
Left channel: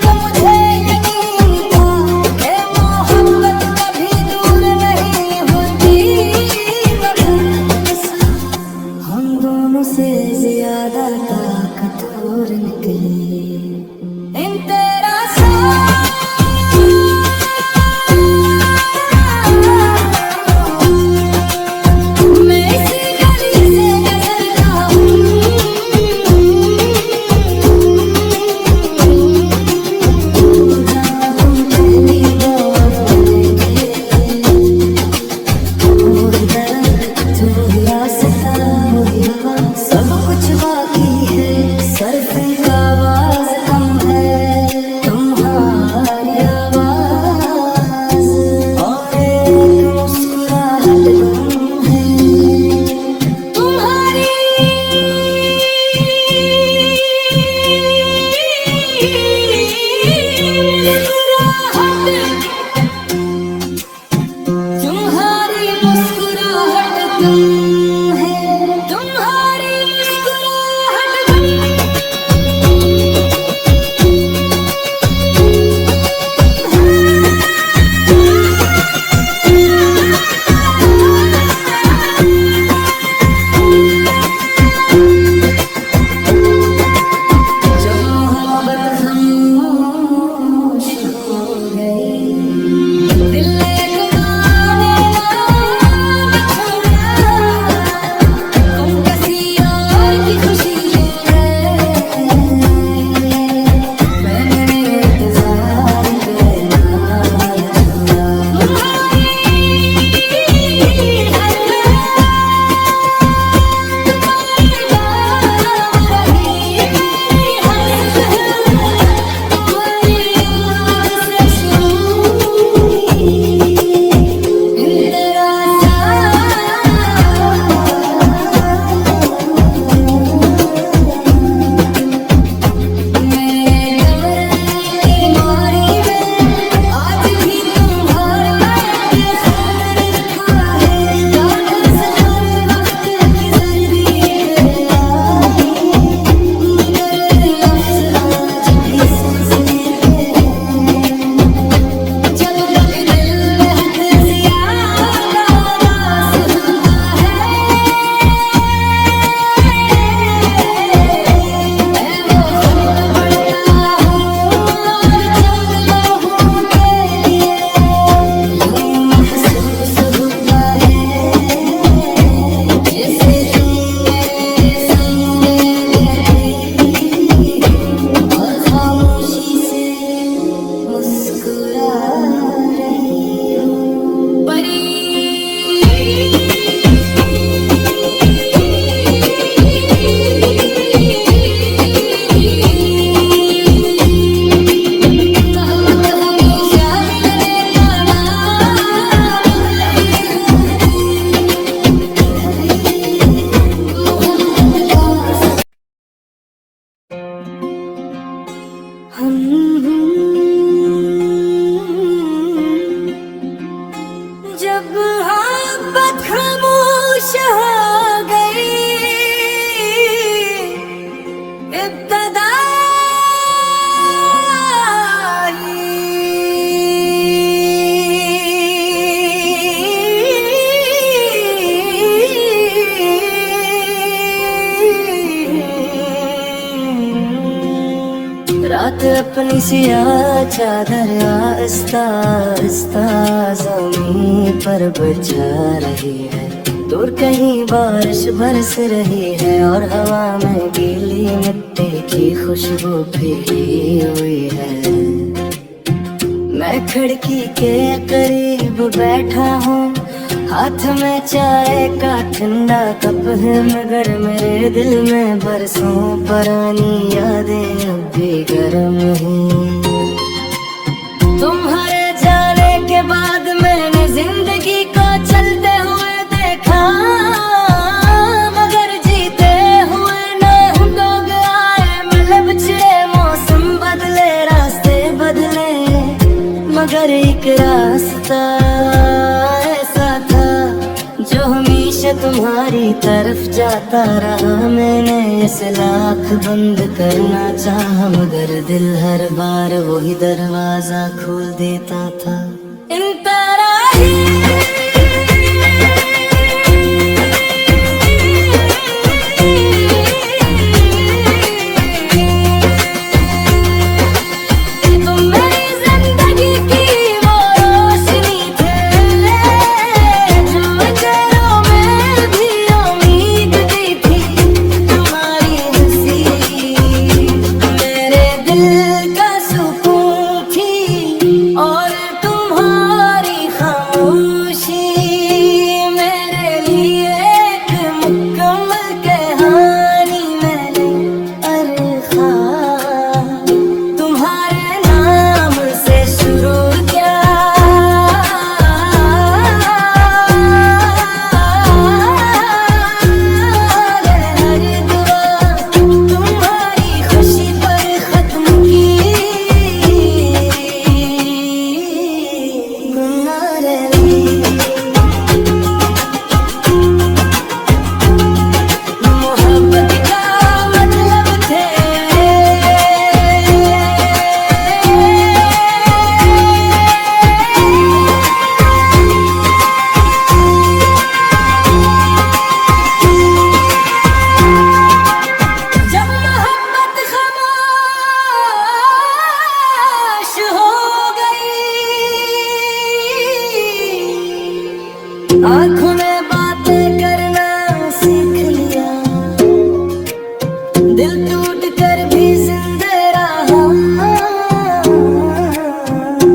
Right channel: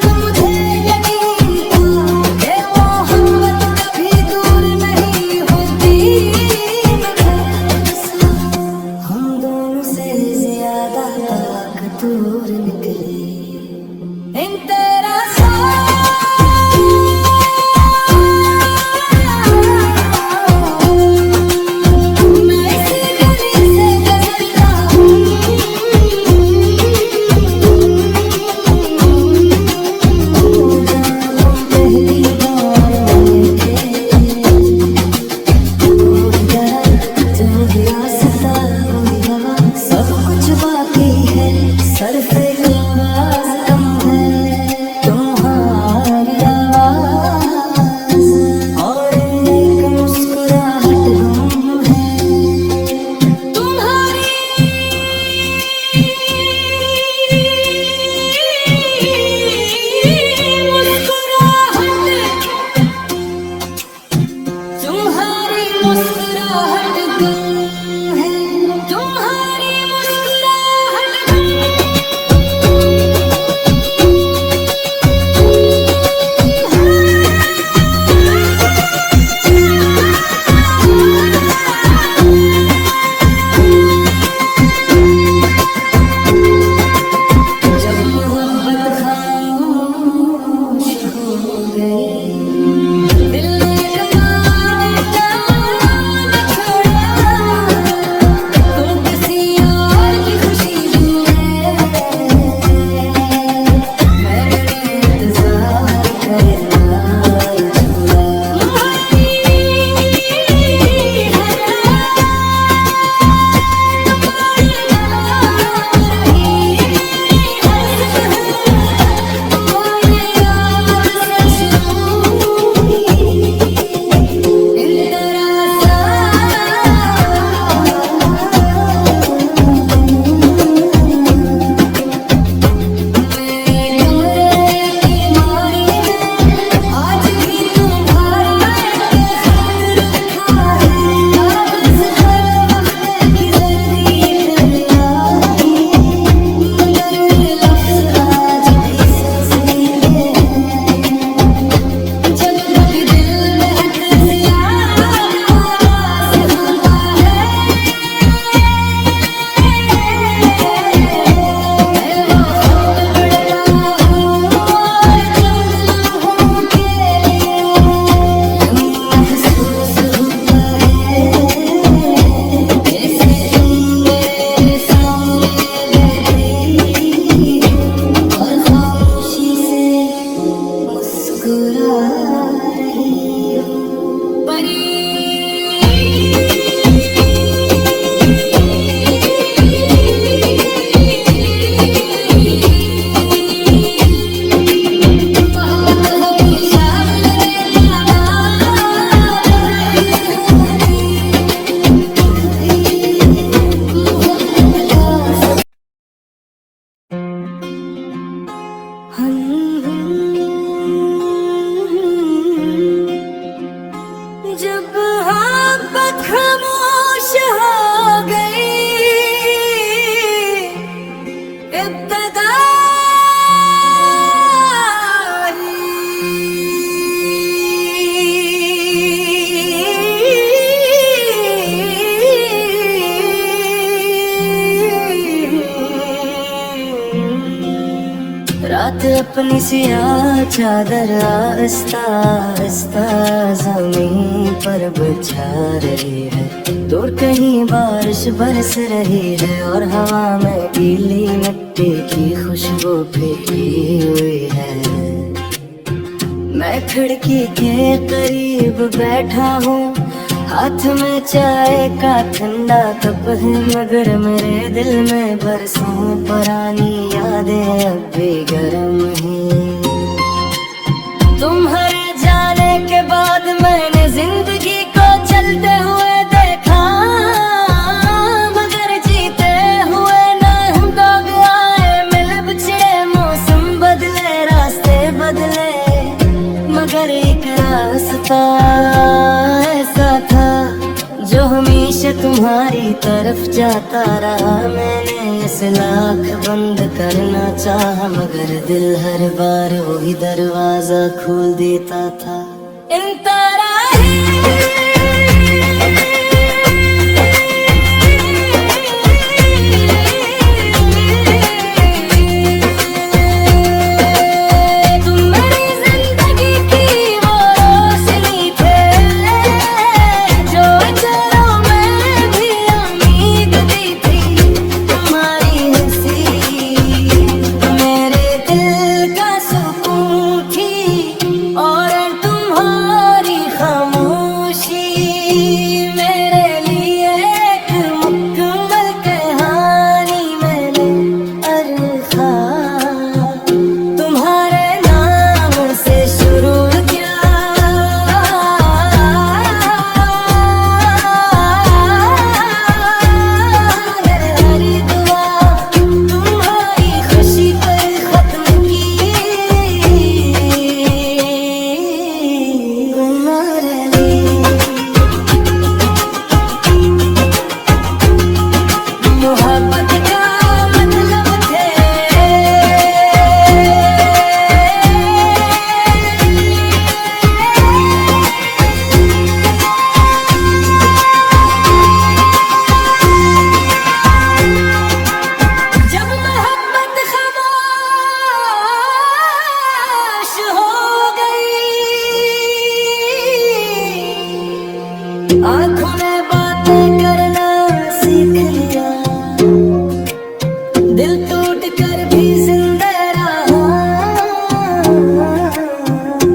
रात अपनी सियाह चादर आहिस्ता आहिस्ता ज़मीन पर बिछा रही है। दूर कहीं बारिश बरस रही है और हवा में गीली मिट्टी की खुशबू भीगी हुई है। मैं खिड़की के करीब बैठा हूँ, हाथ में चाय का ठंडा कप है, मगर मेरे दिल में बरसों पुरानी यादें अब भी गर्म हैं। तुम्हारे जाने के बाद मैंने जिंदगी को चलते हुए देखा, मगर जीते हुए ना दौड़ आए। मिले बिछड़े मौसम बदले रास्ते बदले, मगर एक रास्ता ऐसा था जो हमेशा तुम्हारी तरफ जाता रहा। मैंने इसे लाख बंद करना चाहा, मगर दिल हर बार वही दरवाजा खोल देता था। इन तरह ही आँखों में बातें करना सीख लिया, दिल टूट कर भी जिंदा रहा।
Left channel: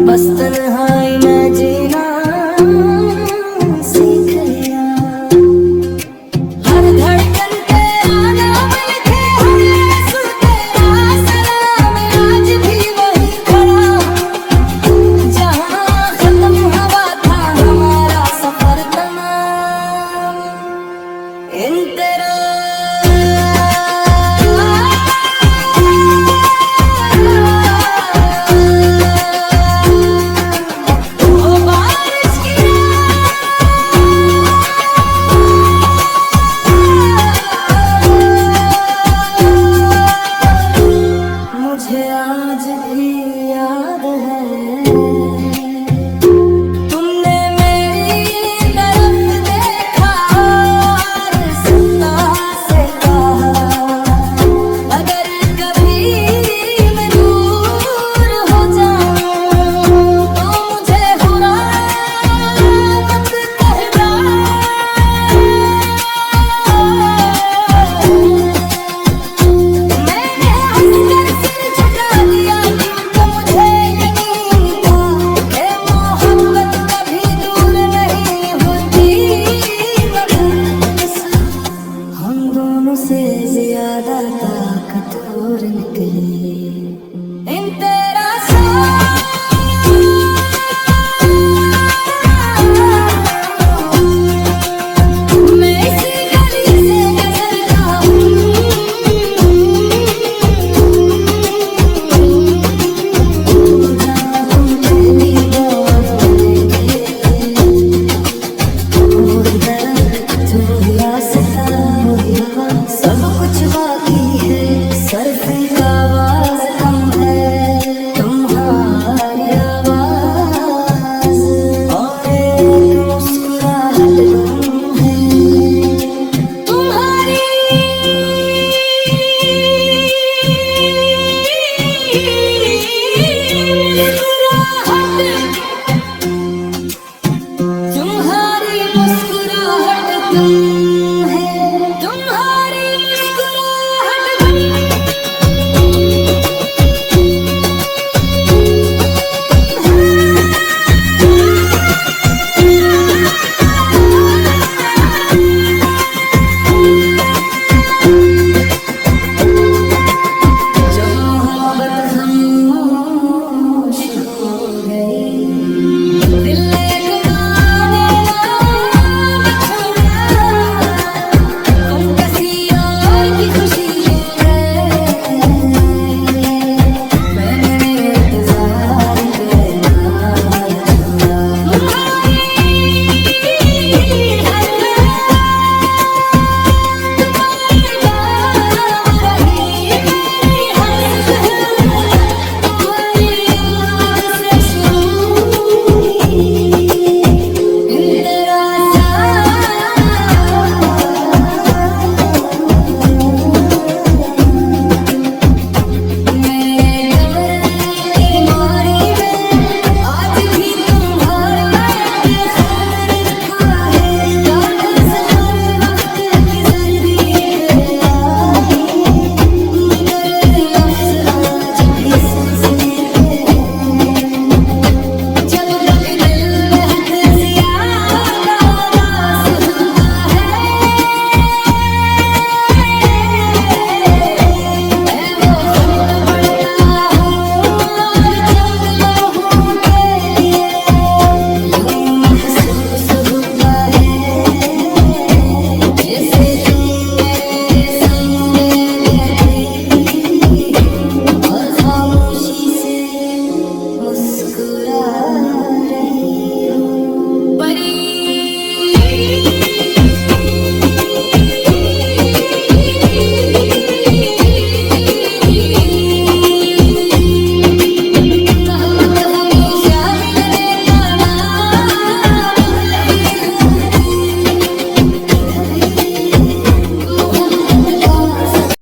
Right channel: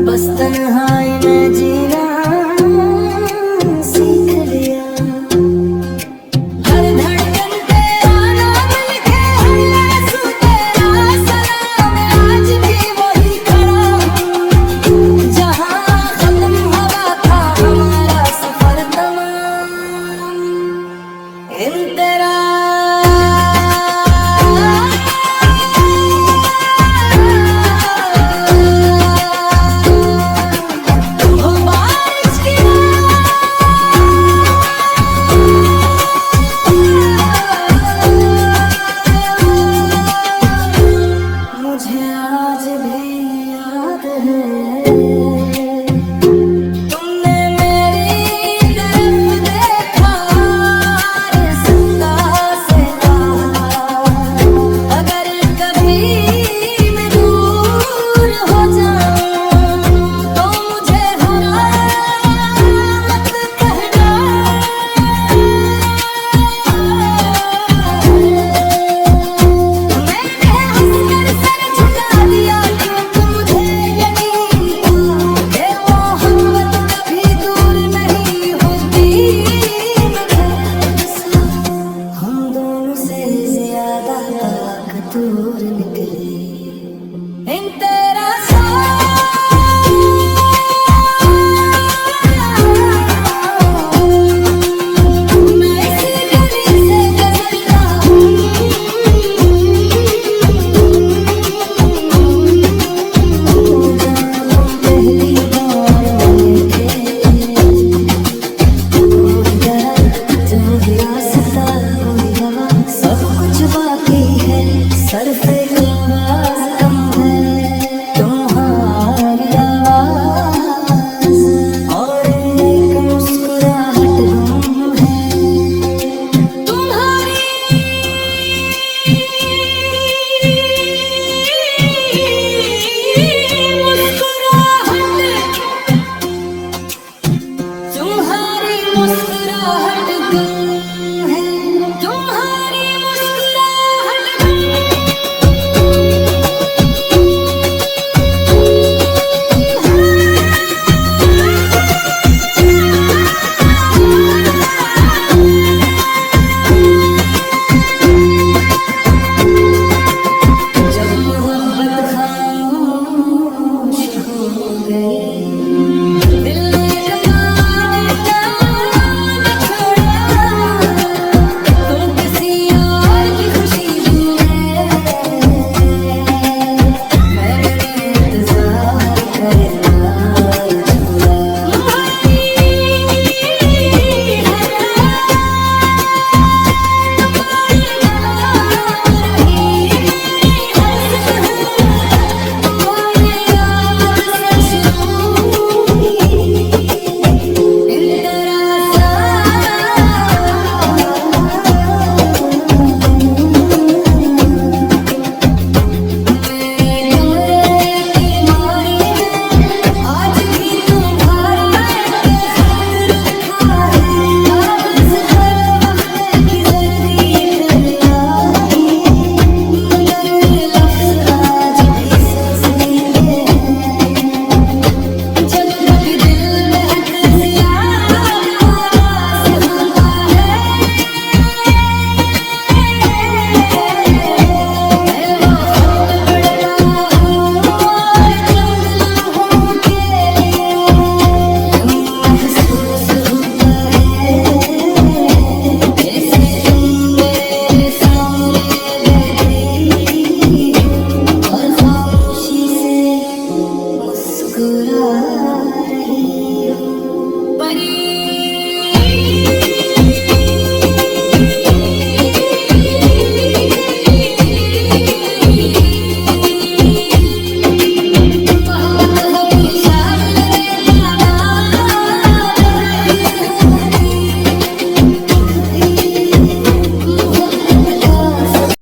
बस तन्हाई में जीना सीख लिया। हर धड़कन तेरा नाम लिखे, हर आंसू तेरा सलाम। आज भी वही खड़ा हूँ जहाँ खत्म हुआ था हमारा सफर तमाम। इन तरह वो बारिश की रात मुझे आज भी याद है।